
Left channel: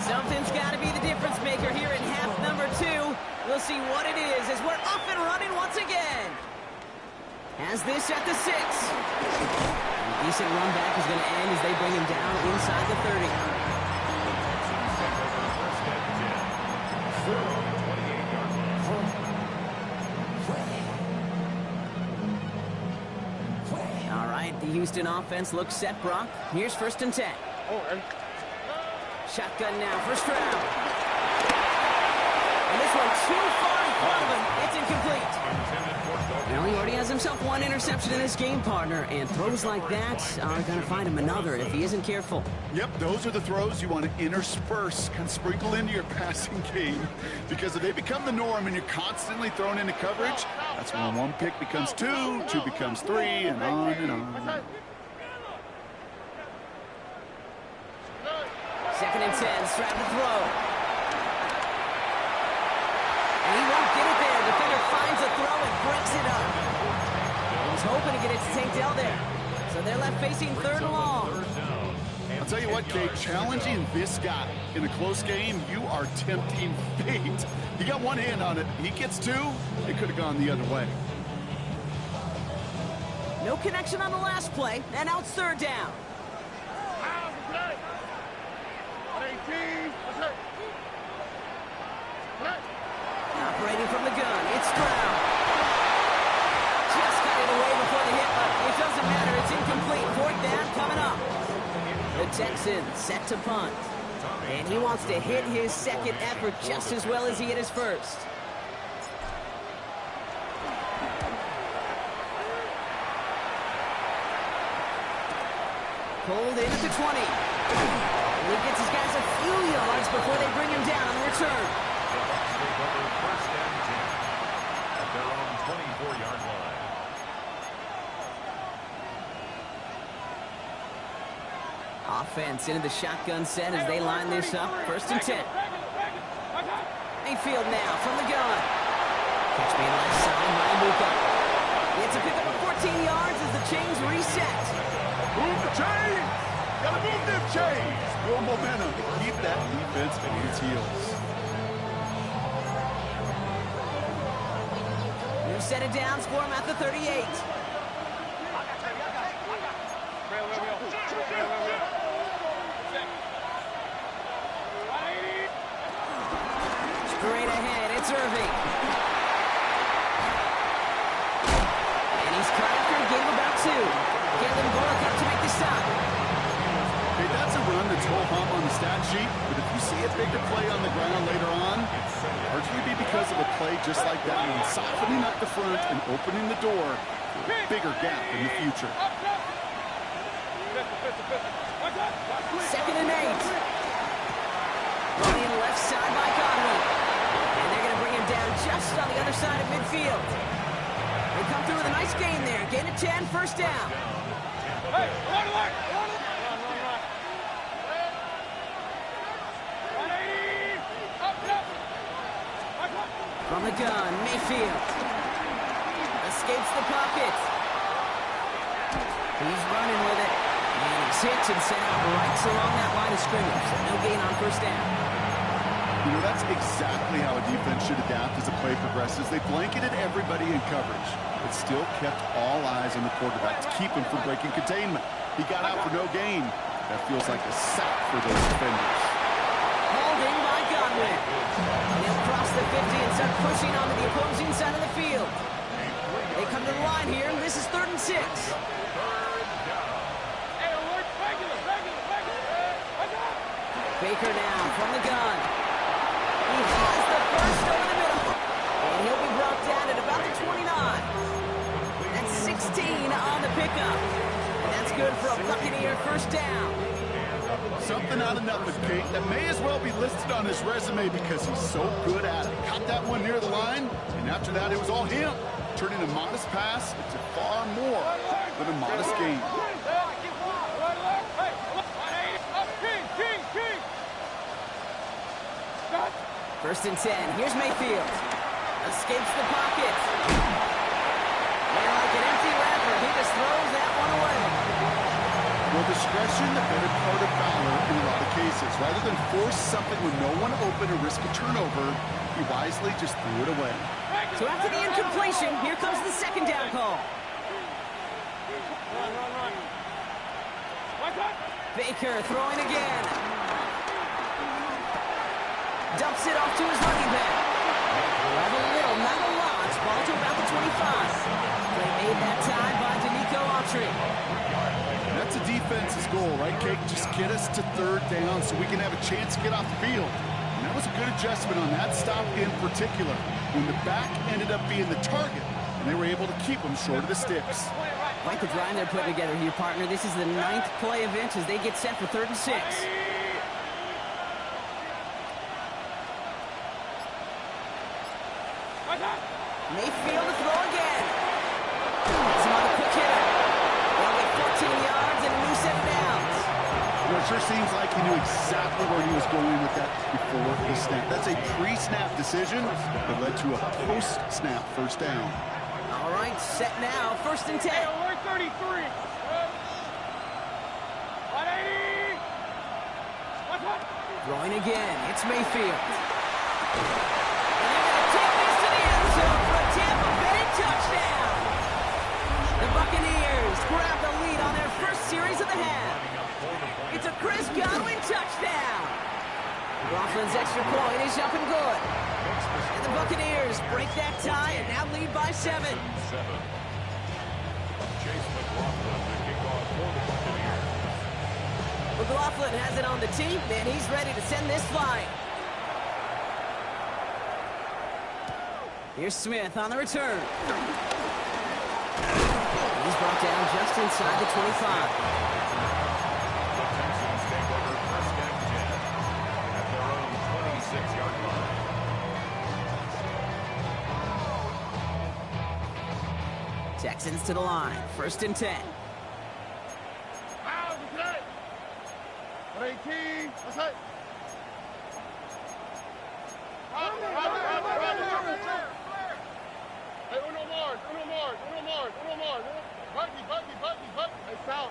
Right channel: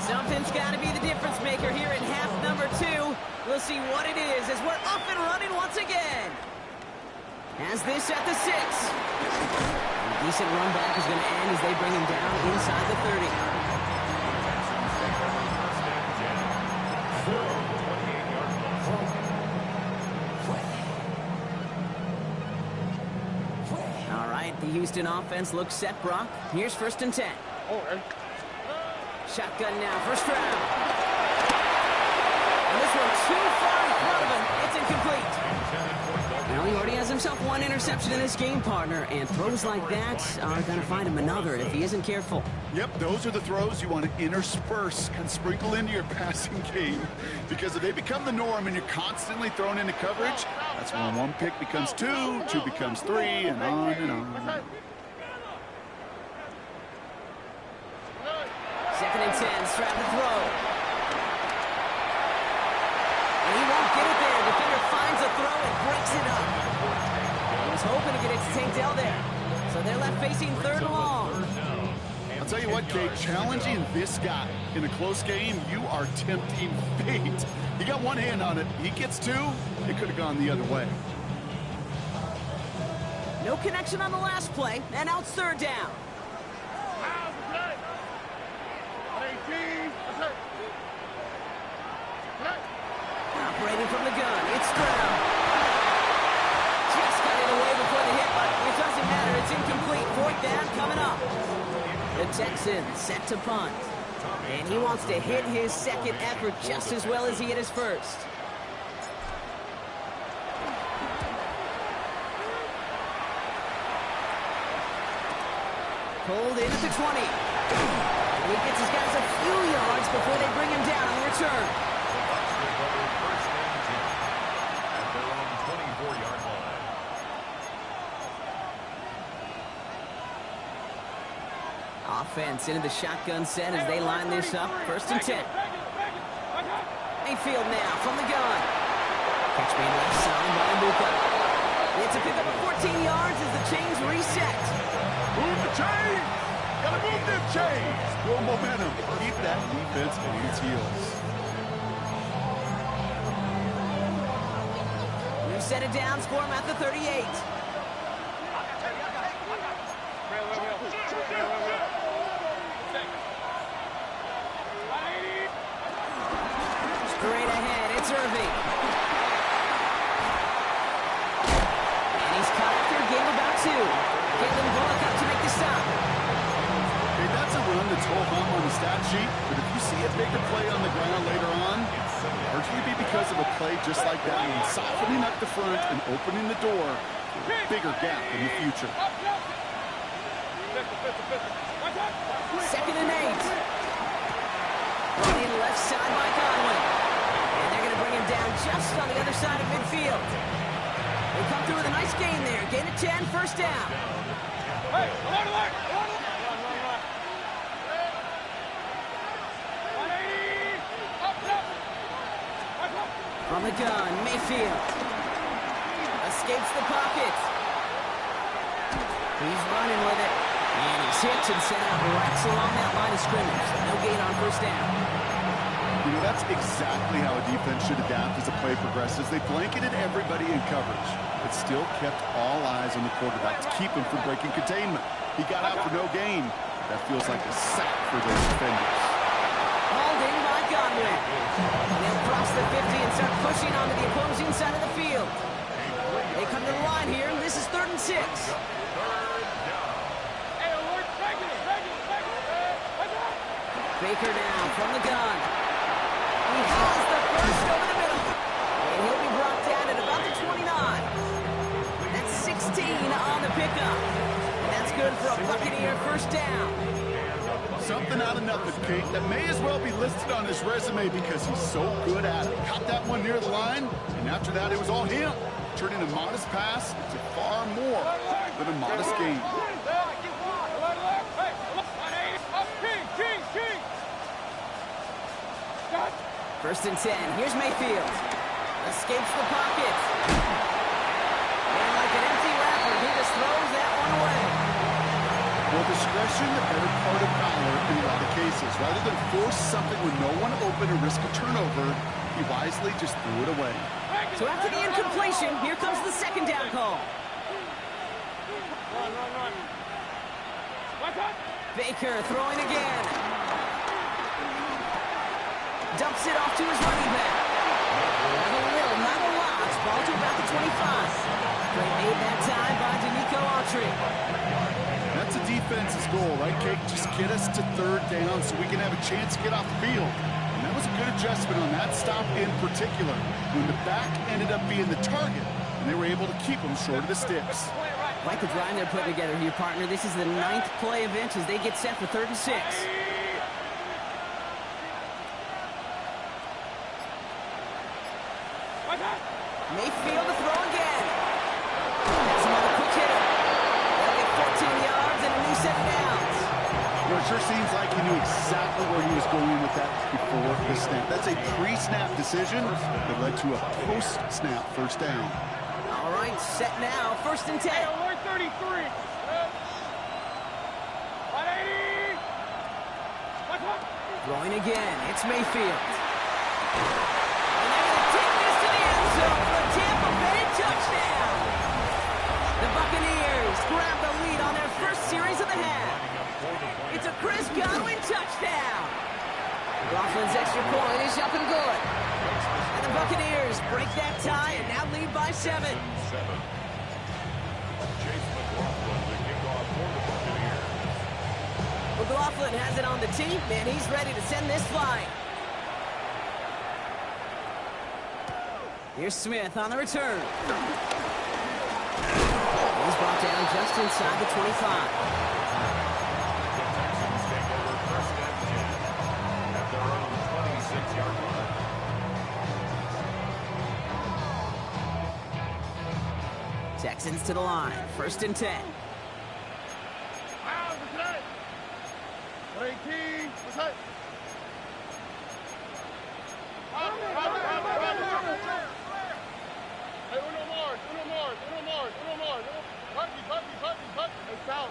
Something's got to be the difference maker here in half number 2. We'll see what it is as we're off and running once again. Has this at the 6. A decent run back is going to end as they bring him down inside the 30. Texans take over 1st and 10. At their own 28-yard line. All right, the Houston offense looks set, Brock. Here's 1st and 10. Shotgun now for Stroud. And this one too far in front of him. It's incomplete. Well, he already has himself 1 interception in this game, partner, and throws like that are going to find him another if he isn't careful. Yep, those are the throws you want to intersperse, kind of sprinkle into your passing game, because if they become the norm and you're constantly thrown into coverage, that's when 1 pick becomes 2, 2 becomes 3, and on and on. 2nd and 10, Stroud to throw. And he won't get it there. Defender finds a throw and breaks it up. He was hoping to get it to Tank Dell there. So they're left facing 3rd and long. I'll tell you what, Kate, challenging this guy in a close game, you are tempting fate. He got 1 hand on it. He gets 2. It could have gone the other way. No connection on the last play, and now it's 3rd down. Operating from the gun, it's Stroud. Just got it away before the hit, but it doesn't matter. It's incomplete. 4th down coming up. The Texans set to punt. And he wants to hit his 2nd effort just as well as he hit his 1st. Pulled in at the 20. And he gets his guys a few yards before they bring him down on the return. The Bucs take over 1st and 10 at their own 24-yard line. Offense into the shotgun set as they line this up. 1st and 10. Mayfield now from the gun. Catch made left side by Ibuka. It's a pickup of 14 yards as the chains reset. Move the chains! Gotta move them chains! Build momentum to keep that defense on its heels. We've set it down, score him at the 38. Straight ahead, it's Irving. And he's caught after a gain of about 2. Caleb Bullock up to make the stop. Okay, that's a run that's ho-hum on the stat sheet, but if you see a bigger play on the ground later on, it'll largely be because of a play just like that one, softening up the front and opening the door for a bigger gap in the future. 2nd and 8. Running left side by Godwin. And they're going to bring him down just on the other side of midfield. They come through with a nice gain there. Gain of 10, first down. Hey, run. From the gun, Mayfield. Escapes the pocket. He's running with it. And he's hit and sent out right along that line of scrimmage. So no gain on first down. You know, that's exactly how a defense should adapt as the play progresses. They blanketed everybody in coverage, but still kept all eyes on the quarterback to keep him from breaking containment. He got out for no gain. That feels like a sack for those defenders. Holding by Godwin. And he'll cross the 50 and start pushing onto the opposing side of the field. They come to the line here, and this is 3rd and 6. Baker now from the gun. He has the first over the middle. And he'll be brought down at about the 29. That's 16 on the pickup. And that's good for a Buccaneer first down. Something out of nothing, Kate, that may as well be listed on his resume because he's so good at it. Caught that one near the line, and after that it was all him. Turning a modest pass into far more than a modest gain. First and 10. Here's Mayfield. Escapes the pocket. And like an empty wrapper, he just throws that one away. Well, discretion, the better part of valor in a lot of cases. Rather than force something with no one open and risk a turnover, he wisely just threw it away. So after the incompletion, here comes the 2nd down call. Run. Baker throwing again. Dumps it off to his running back. Have a little, not a lot. Ball to about the 25. Play made that time by Danico Autry. That's a defense's goal, right, Kate? Just get us to 3rd down so we can have a chance to get off the field. And that was a good adjustment on that stop in particular, when the back ended up being the target, and they were able to keep him short of the sticks. Like the drive they're putting together here, partner. This is the 9th play event as they get set for 3rd and 6. Mayfield to throw again. That's him on a quick hitter. They'll get 14 yards and a new set of downs. You know, it sure seems like he knew exactly where he was going with that before the snap. That's a pre-snap decision that led to a post-snap first down. All right, set now. 1st and 10. Hey, alert 33. 180. Throwing again. It's Mayfield. And they're going to take this to the end zone for a Tampa Bay touchdown. The Buccaneers grab the lead on their first series of the half. It's a Chris Godwin touchdown. Coughlin's extra point is up and good. And the Buccaneers break that tie and now lead by 7. Chase McLaughlin, the kickoff for the Buccaneers. McLaughlin has it on the team, and he's ready to send this flying. Here's Smith on the return. He's brought down just inside the 25. The Texans take over 1st and 10 at their own 26-yard line. Texans to the line. 1st and 10. Out for today. 18. What's that? Hey, uno more. Buggy. Hey, south.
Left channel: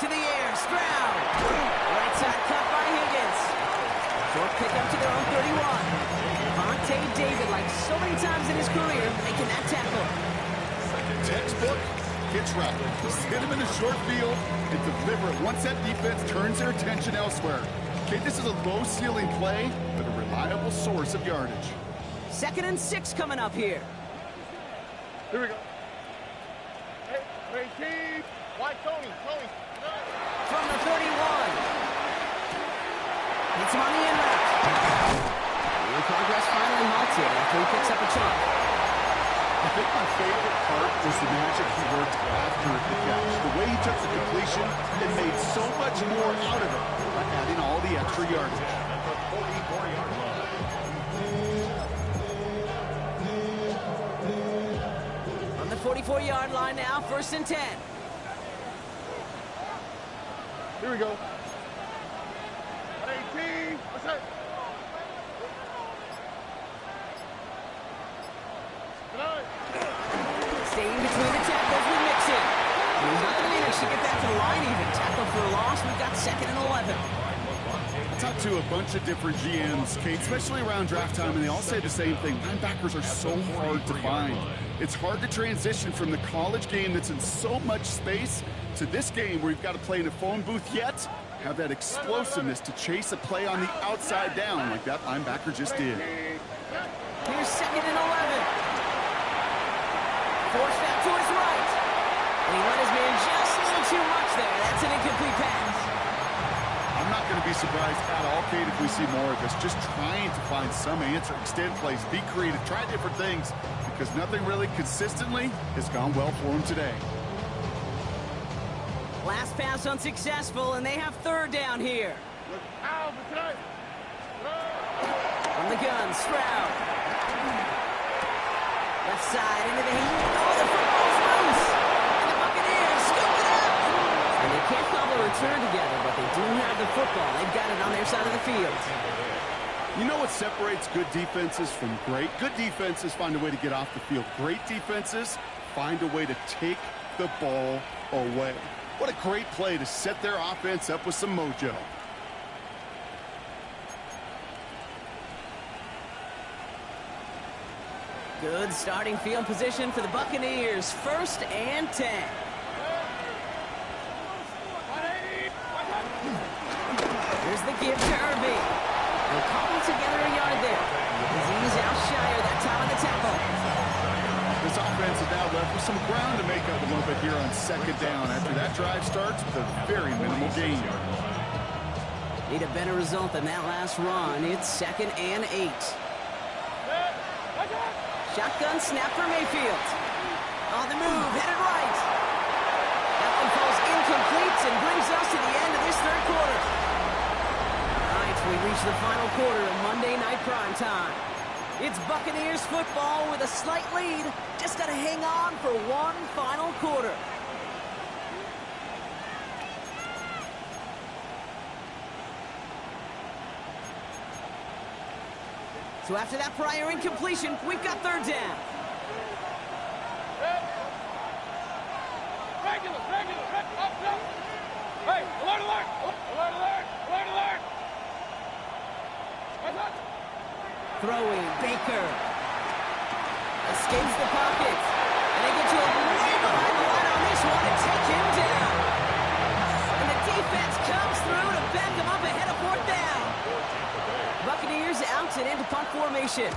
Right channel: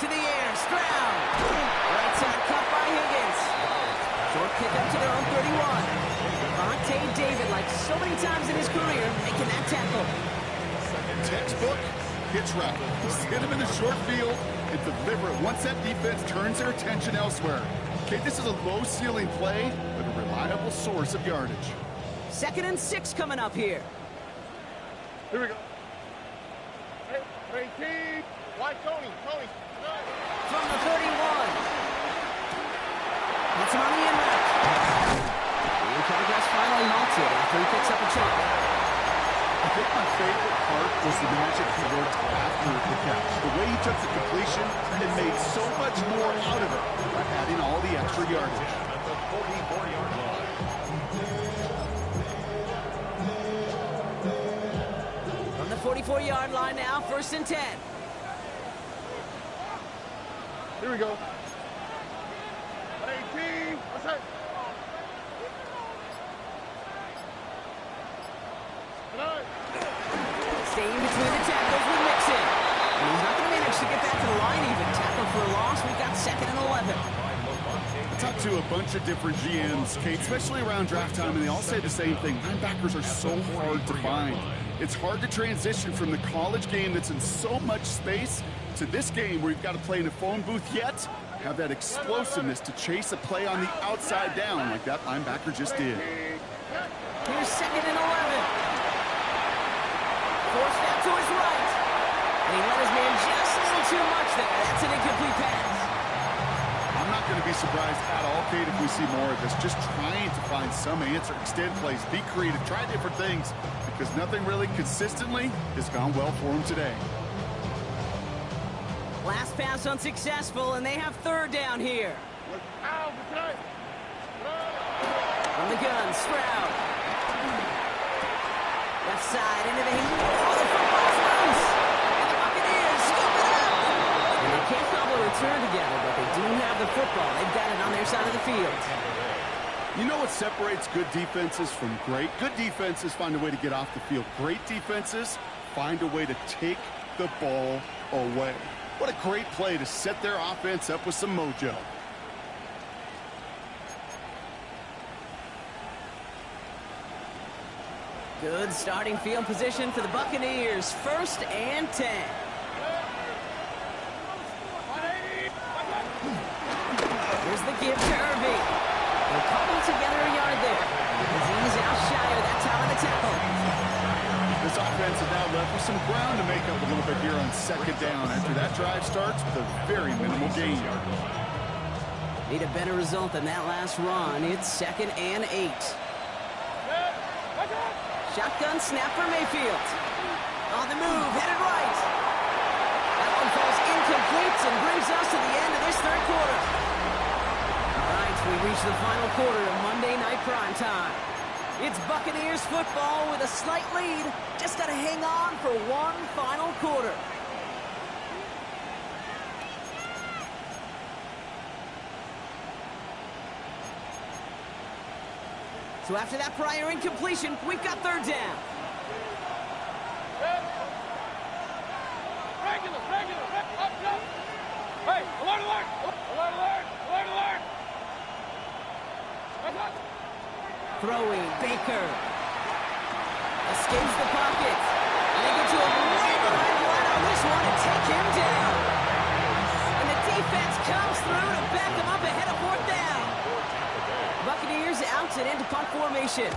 To the air, Stroud. Right side cut by Higgins. Short pickup to their own 31. Vontae David, like so many times in his career, making that tackle. Textbook hitch route. Just hit him in the short field and deliver it once that defense turns their attention elsewhere. Okay, this is a low-ceiling play, but a reliable source of yardage. 2nd and 6 coming up here. Here we go. Hey, team. Why Tony? From the 31. Hits him on the in route. The progress finally halted after he picks up a chunk. I think my favorite part was the magic he worked after the catch. The way he took the completion and made so much more out of it by adding all the extra yardage. At the 44-yard line. From the 44-yard line now, 1st and 10. Here we go. Hey, team. What's that? Staying between the tackles with Mixon. And he's not going to manage to get back to the line even. Tackle for a loss. We've got 2nd and 11. I talked to a bunch of different GMs, Kate, especially around draft time, and they all say the same thing. Linebackers are so hard to find. It's hard to transition from the college game that's in so much space to this game where you've got to play in a phone booth yet have that explosiveness to chase a play on the outside down like that linebacker just did. Here's 2nd and 11. Forced out to his right. And he let his man just a little too much there. That's an incomplete pass. I'm not going to be surprised at all, Kate, if we see more of this. Just trying to find some answer, extend plays, be creative, try different things, because nothing really consistently has gone well for him today. Last pass unsuccessful, and they have 3rd down here. From the gun, Stroud. Left side into the heat. Oh, the football's loose. And the Buccaneers scoop it up. And they can't cobble a return together, but they do have the football. They've got it on their side of the field. You know what separates good defenses from great? Good defenses find a way to get off the field. Great defenses find a way to take the ball away. What a great play to set their offense up with some mojo. Good starting field position for the Buccaneers. 1st and 10. Here's the give to Irving. They'll cobble together a yard there. Azeez Al-Shire that time on the tackle. This offense is now left with some ground to make up a little bit here on 2nd down after that drive starts with a very minimal gain. Need a better result than that last run. It's 2nd and 8. Shotgun snap for Mayfield. On the move, headed right. That one falls incomplete and brings us to the end of this 3rd quarter. All right, we reach the final quarter of Monday Night Primetime. It's Buccaneers football with a slight lead. Just got to hang on for one final quarter. So after that prior incompletion, we've got 3rd down. Regular. Up. Hey, alert. Throwing, Baker. Escapes the pocket. And they get to him way behind the line on this one and take him down. And the defense comes through to back him up ahead of 4th down. Buccaneers out and into punt formation.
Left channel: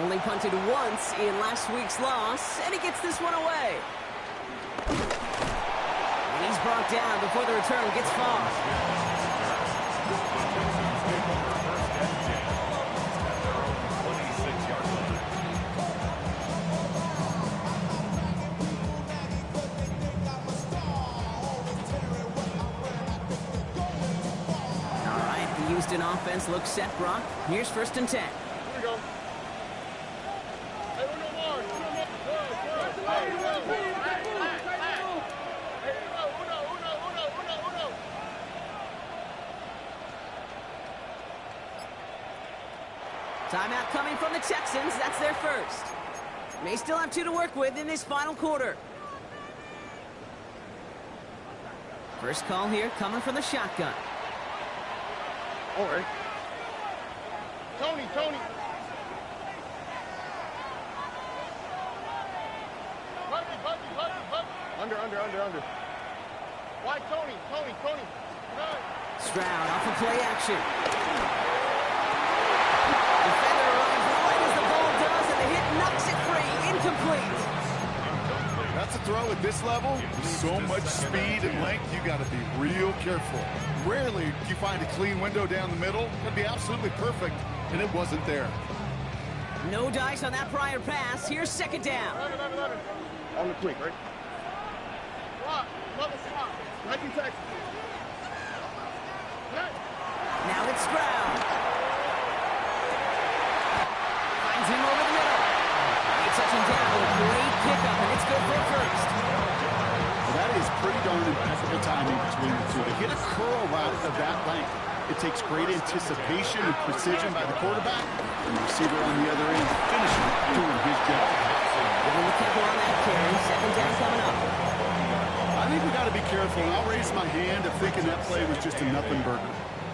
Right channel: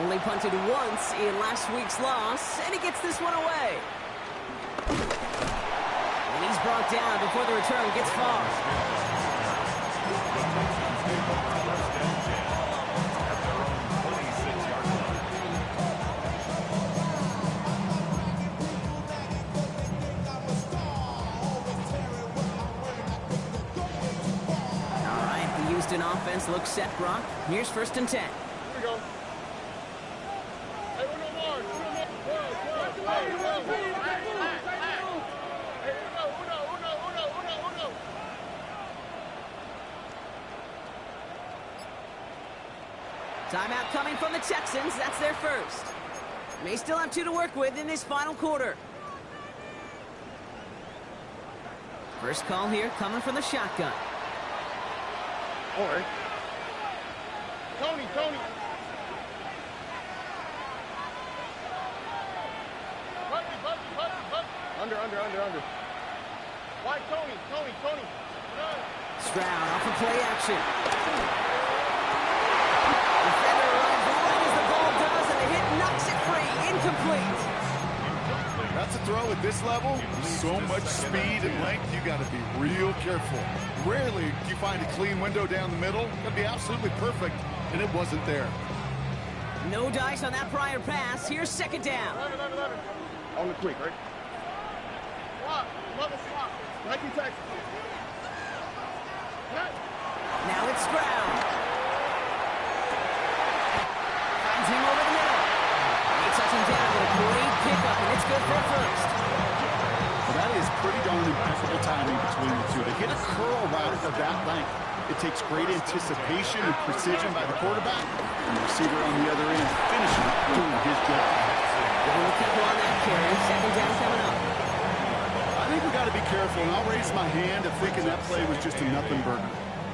Only punted once in last week's loss, and he gets this one away. And he's brought down before the return gets far. Houston offense looks set, Brock. Here's 1st and 10. Here we go. Hey, uno more. Timeout coming from the Texans. That's their first. May still have 2 to work with in this final quarter. First call here coming from the shotgun. All right. Tony. Buggy. Under. Why, Tony. Run. Stroud off of play action. Defender arrives right as the ball does, and the hit knocks it free. Incomplete. That's a throw at this level. With so much speed and length, you got to be real careful. Rarely do you find a clean window down the middle. Got to be absolutely perfect, and it wasn't there. No dice on that prior pass. Here's second down. On the quick, right? Swap. Mother swap. Nike Texas. Now it's Stroud. Finds him over the middle. He touches him down with a great pickup, and it's good for a first. Well, that is pretty darn impeccable timing between the two. To hit a curl route of that length, it takes great anticipation and precision by the quarterback, and the receiver on the other end finishing doing his job. Giving the tempo on that carry. Second down coming up. I think we got to be careful, and I'll raise my hand of thinking that play was just a nothing burger.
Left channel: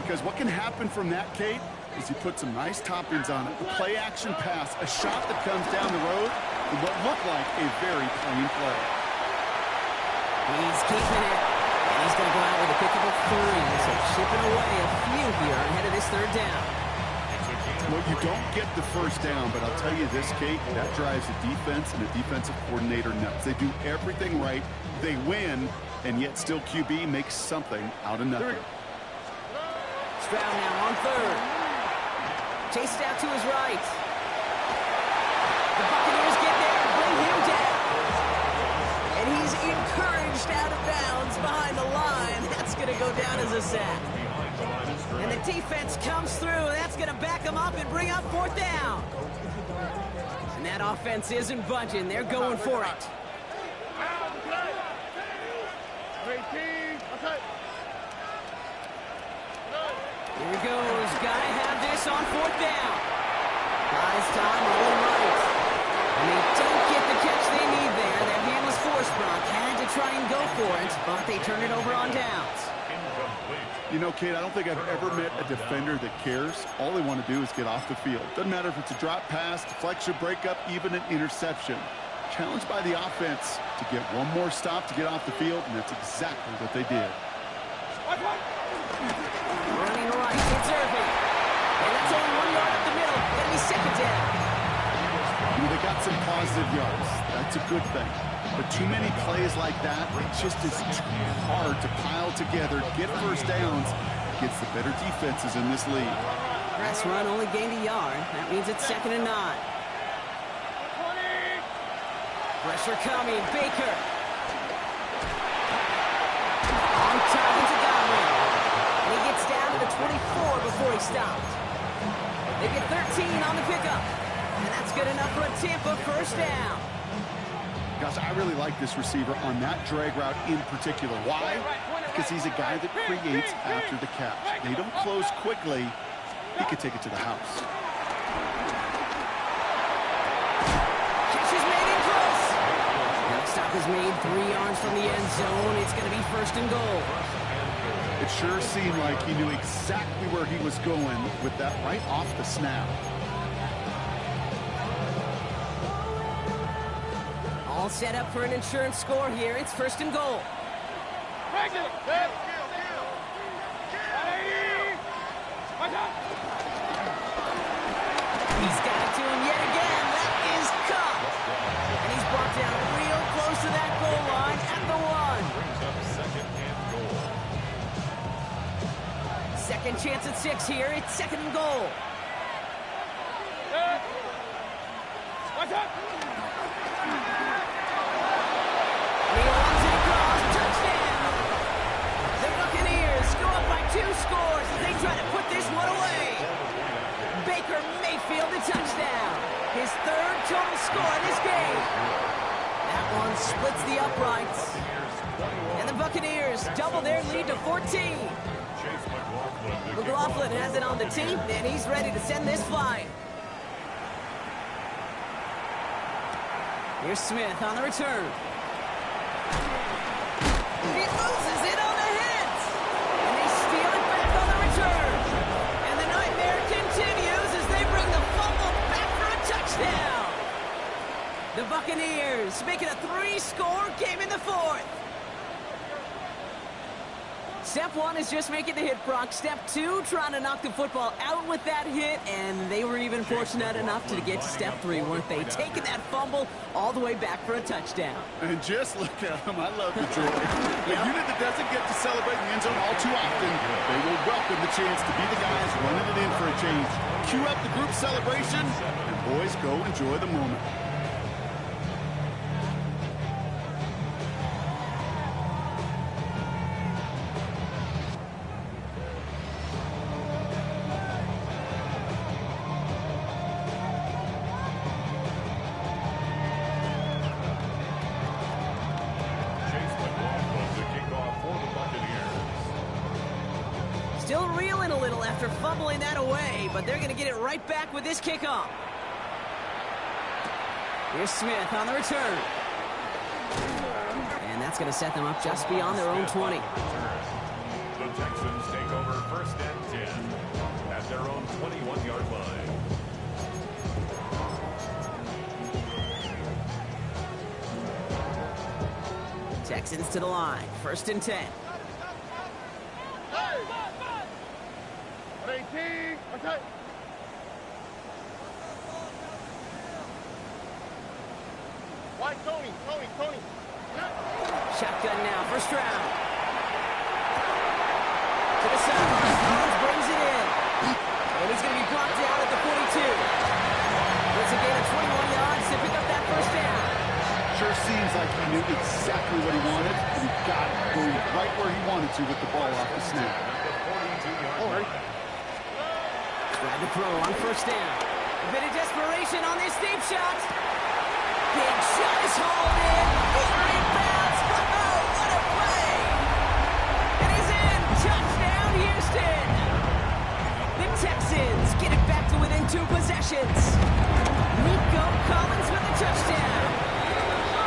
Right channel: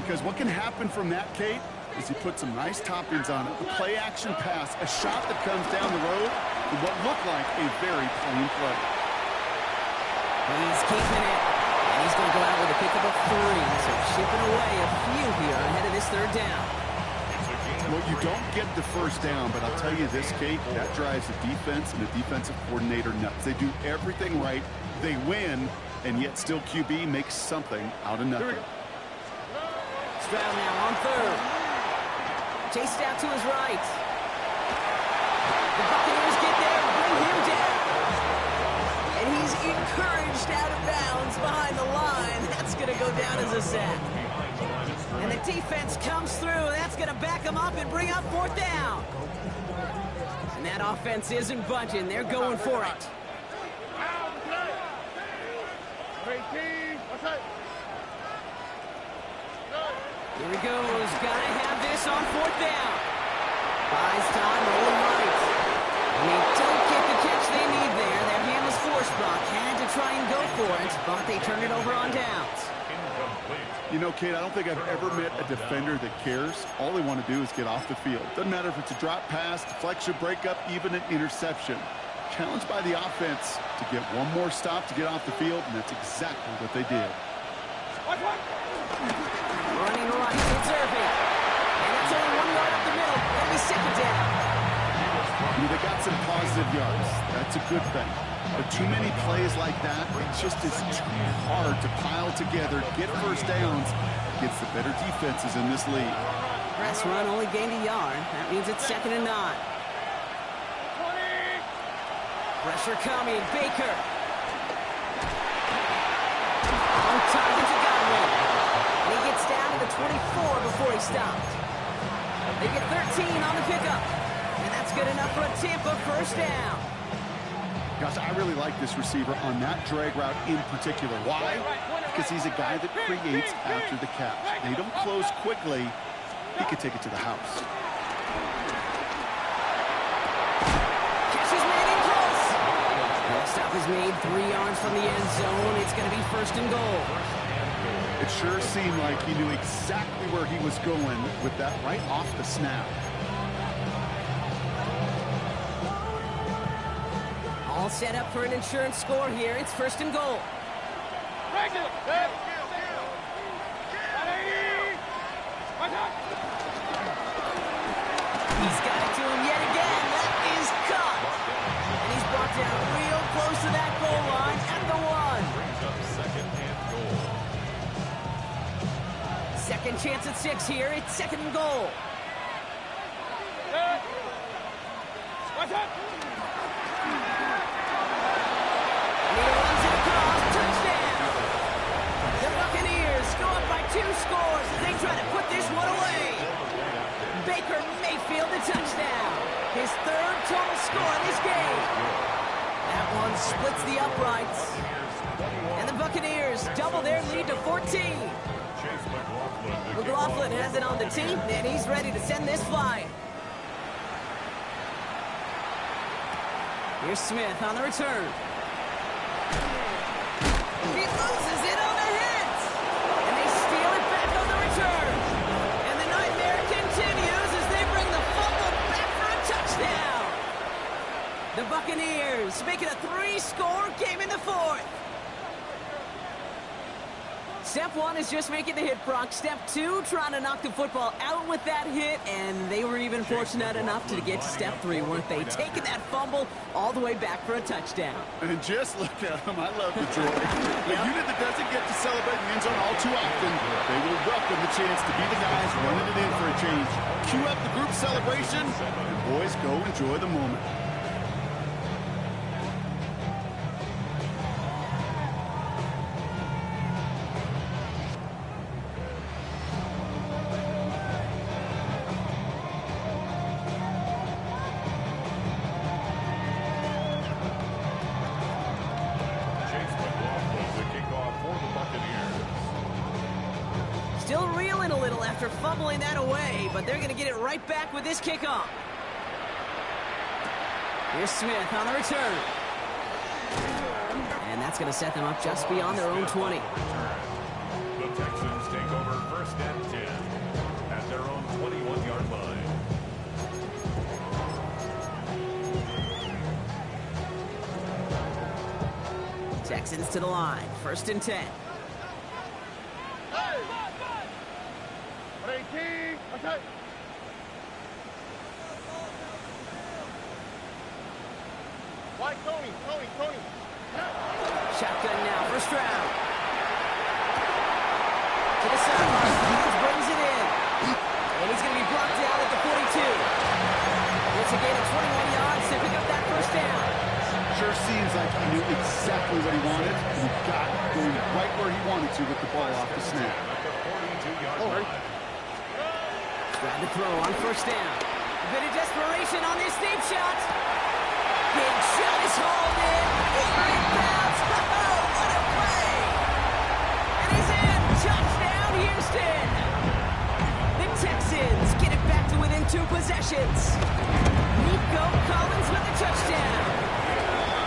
Because what can happen from that, Kate, is he put some nice toppings on it. A play-action pass, a shot that comes down the road, and what looked like a very plain play. He's keeping it, and he's going to go out with a pickup of 3. So chipping away a few here ahead of this third down. Well, you don't get the first down, but I'll tell you this, Kate, that drives the defense and the defensive coordinator nuts. They do everything right. They win, and yet still QB makes something out of nothing. Stroud now on third. Chased out to his right. The Buccaneers get there and bring him down. And he's encouraged out of bounds behind the line. That's going to go down as a sack. And the defense comes through. That's going to back him up and bring up fourth down. And that offense isn't budging. They're going for it. Here he goes. Gotta have this on fourth down. Buys time, rolling right. And they don't get the catch they need there. Their hand was forced. Brock had to try and go for it, but they turn it over on downs. You know, Kate, I don't think I've ever met a defender that cares. All they want to do is get off the field. Doesn't matter if it's a drop pass, deflection, breakup, even an interception. Challenged by the offense to get one more stop to get off the field, and that's exactly what they did. Running right, it's Irving. And that's only 1 yard up the middle. Gonna be second down. You know, they got some positive yards. That's a good thing. But too many plays like that, it just is too hard to pile together, get first downs, against the better defenses in this league. Press run only gained a yard. That means it's 2nd and 9. Pressure coming, Baker. On target to Godwin. And he gets down to the 24 before he stopped. They get 13 on the pickup. And that's good enough for a Tampa first down. Gosh, I really like this receiver on that drag route in particular. Why? Because he's a guy that creates after the catch. They don't close quickly. He could take it to the house. Catch is made in close. Next stop is made 3 yards from the end zone. It's going to be 1st and goal. It sure seemed like he knew exactly where he was going with that right off the snap. All set up for an insurance score here. It's 1st and goal. He's got it to him yet again. That is caught. And he's brought down real close to that goal line at the 1. Brings up 2nd and goal. Second chance at 6 here. It's 2nd and goal. And he runs it across. Touchdown. The Buccaneers go up by 2 scores as they try to put this one away. Baker Mayfield the touchdown. His 3rd total score in this game. That one splits the uprights. And the Buccaneers double their lead to 14. McLaughlin has it on the team, and he's ready to send this flying. Here's Smith on the return. He loses it on the hit. And they steal it back on the return. And the nightmare continues as they bring the fumble back for a touchdown. The Buccaneers make it a 3-score game in the fourth. Step one is just making the hit, Brock. Step two, trying to knock the football out with that hit, and they were even fortunate enough to get to step three, weren't they? Taking that fumble all the way back for a touchdown. And just look at them. I love the joy. A unit that doesn't get to celebrate in the end zone all too often, they will welcome the chance to be the guys running it in for a change. Cue up the group celebration, and boys, go enjoy the moment. Still reeling a little after fumbling that away, but they're going to get it right back with this kickoff. Here's Smith on the return. And that's going to set them up just beyond their own 20. The Texans take over first and 10 at their own 21-yard line. Texans to the line, first and 10. Okay. Why Tony? Shotgun now, first round. To the sideline, Collins brings it in. And he's going to be brought down at the 42. Gets a gain of 21 yards to pick up that first down. Sure seems like he knew exactly what he wanted, and he got it going right where he wanted to with the ball off the snap. All right. Tried to throw on first down. A bit of desperation on this deep shot. Big shot is hauled in. It rebounds. Oh, what a play! It is in. Touchdown, Houston. The Texans get it back to within 2 possessions. Nico Collins with a touchdown.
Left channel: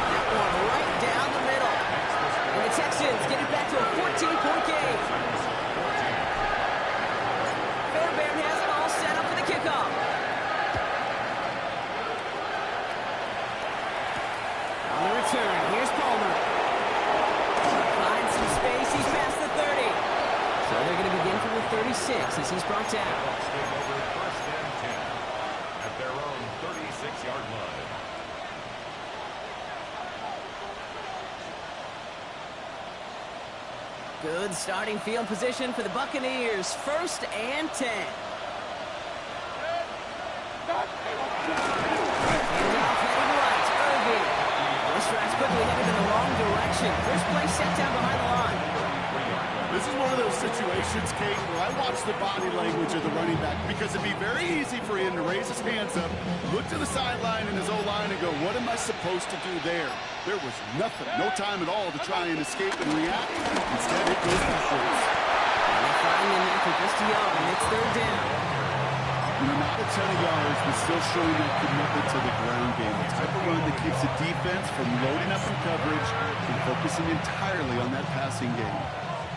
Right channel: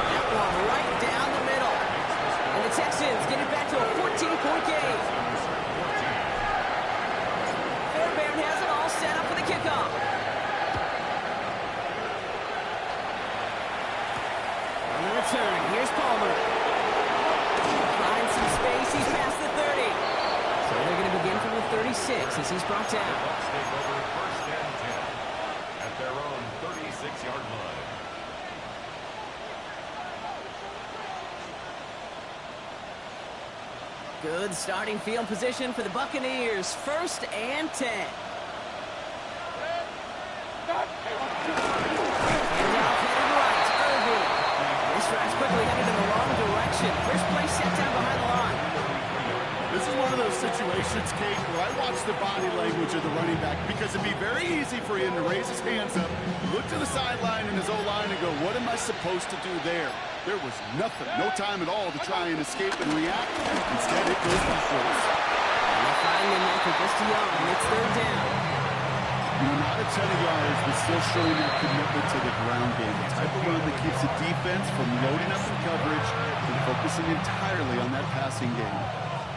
That one right down the middle. And the Texans get it back to a 14-point game. Fairbairn has it all set up for the kickoff. On the return, here's Palmer. Finds some space, he's past the 30. So they're going to begin from the 36 as he's brought down. The Bucs take over first and 10 at their own 36-yard line. Good starting field position for the Buccaneers. First and 10. Handoff headed right. Irving. This drive's quickly headed in the wrong direction. First play set down behind the line. This is one of those situations, Kate, where I watch the body language of the running back because it'd be very easy for him to raise his hands up, look to the sideline in his O-line and go, what am I supposed to do there? There was nothing, no time at all to try and escape and react. Instead, it goes backwards. And they find him after just a yard, and it's third down. You know, not a ton of yards, but still showing that commitment to the ground game. The type of run that keeps the defense from loading up in coverage and focusing entirely on that passing game.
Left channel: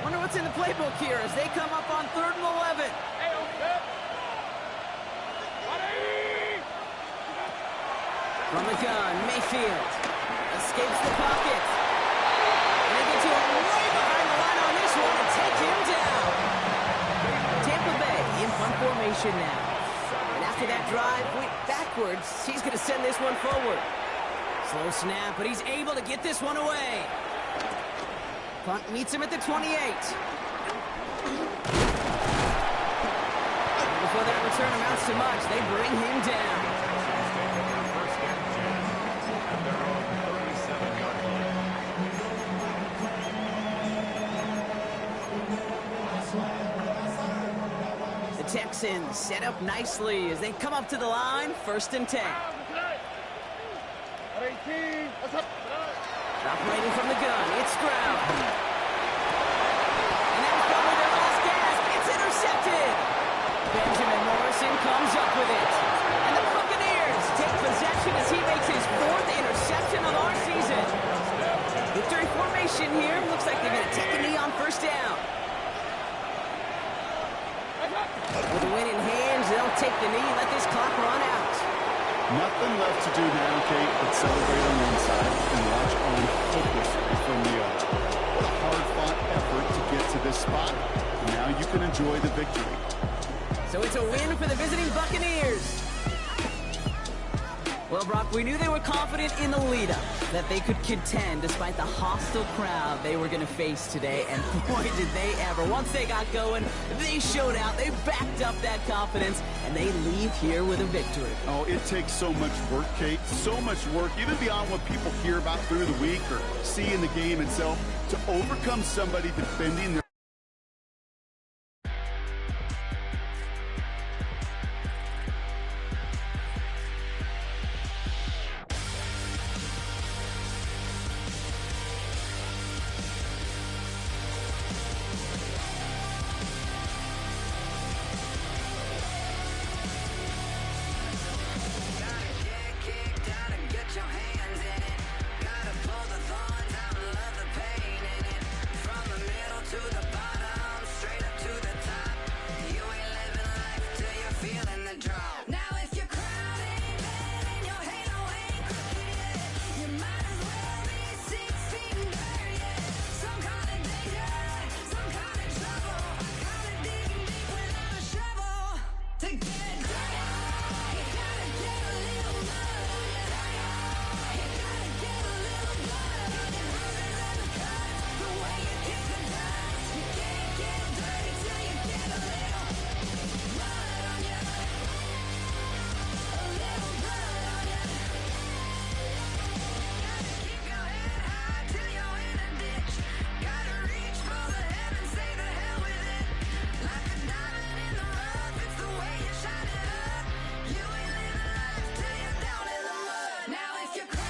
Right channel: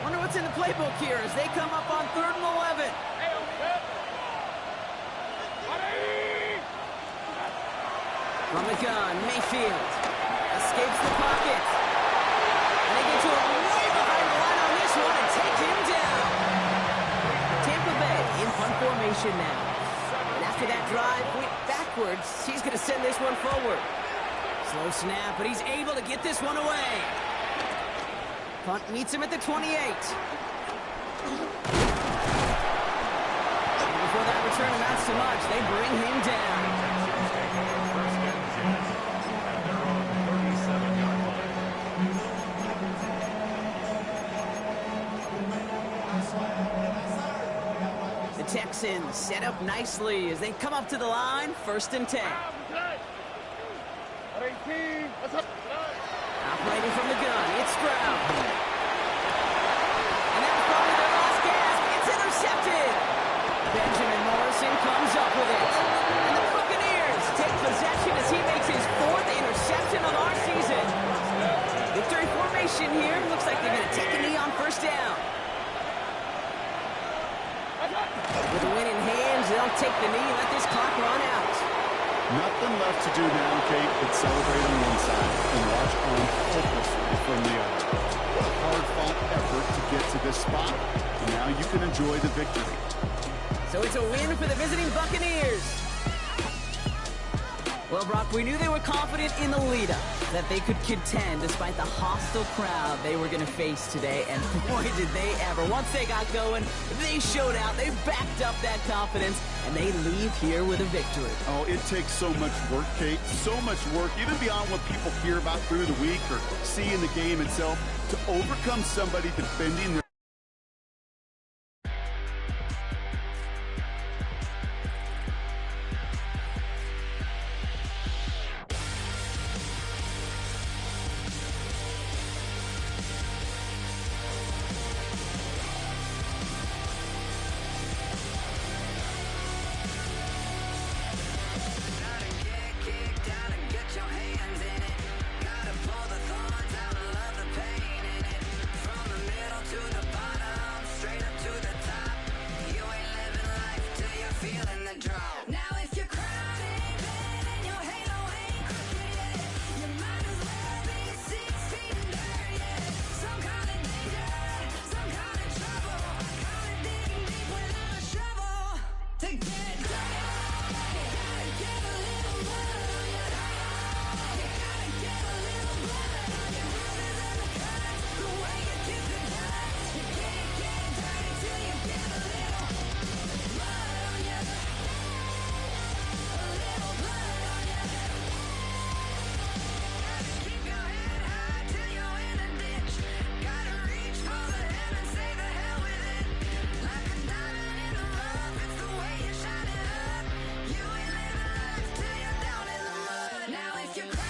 Wonder what's in the playbook here as they come up on 3rd and 11. From the gun, Mayfield escapes the pocket. And they get to him way behind the line on this one and take him down. Tampa Bay in punt formation now. And after that drive went backwards, he's going to send this one forward. Slow snap, but he's able to get this one away. Punt meets him at the 28. And before that return amounts to much, they bring him down. Texans take over first and 10 at their own 37-yard line. The Texans set up nicely as they come up to the line, 1st and 10. Operating from the gun, it's Stroud. And that was probably their last gasp. It's intercepted. Benjamin Morrison comes up with it. And the Buccaneers take possession as he makes his 4th interception of our season. Victory formation here. Looks like they're going to take a knee on first down. With the win in hands, they'll take the knee and let this clock run out. Nothing left to do now, Kate, but celebrate on one side and watch on hopelessly from the other. What a hard-fought effort to get to this spot. And now you can enjoy the victory. So it's a win for the visiting Buccaneers. Well, Brock, we knew they were confident in the lead-up, that they could contend despite the hostile crowd they were going to face today. And boy, did they ever. Once they got going, they showed out. They backed up that confidence, and they leave here with a victory. Oh, it takes so much work, Kate, so much work, even beyond what people hear about through the week or see in the game itself, to overcome somebody defending their Now if you're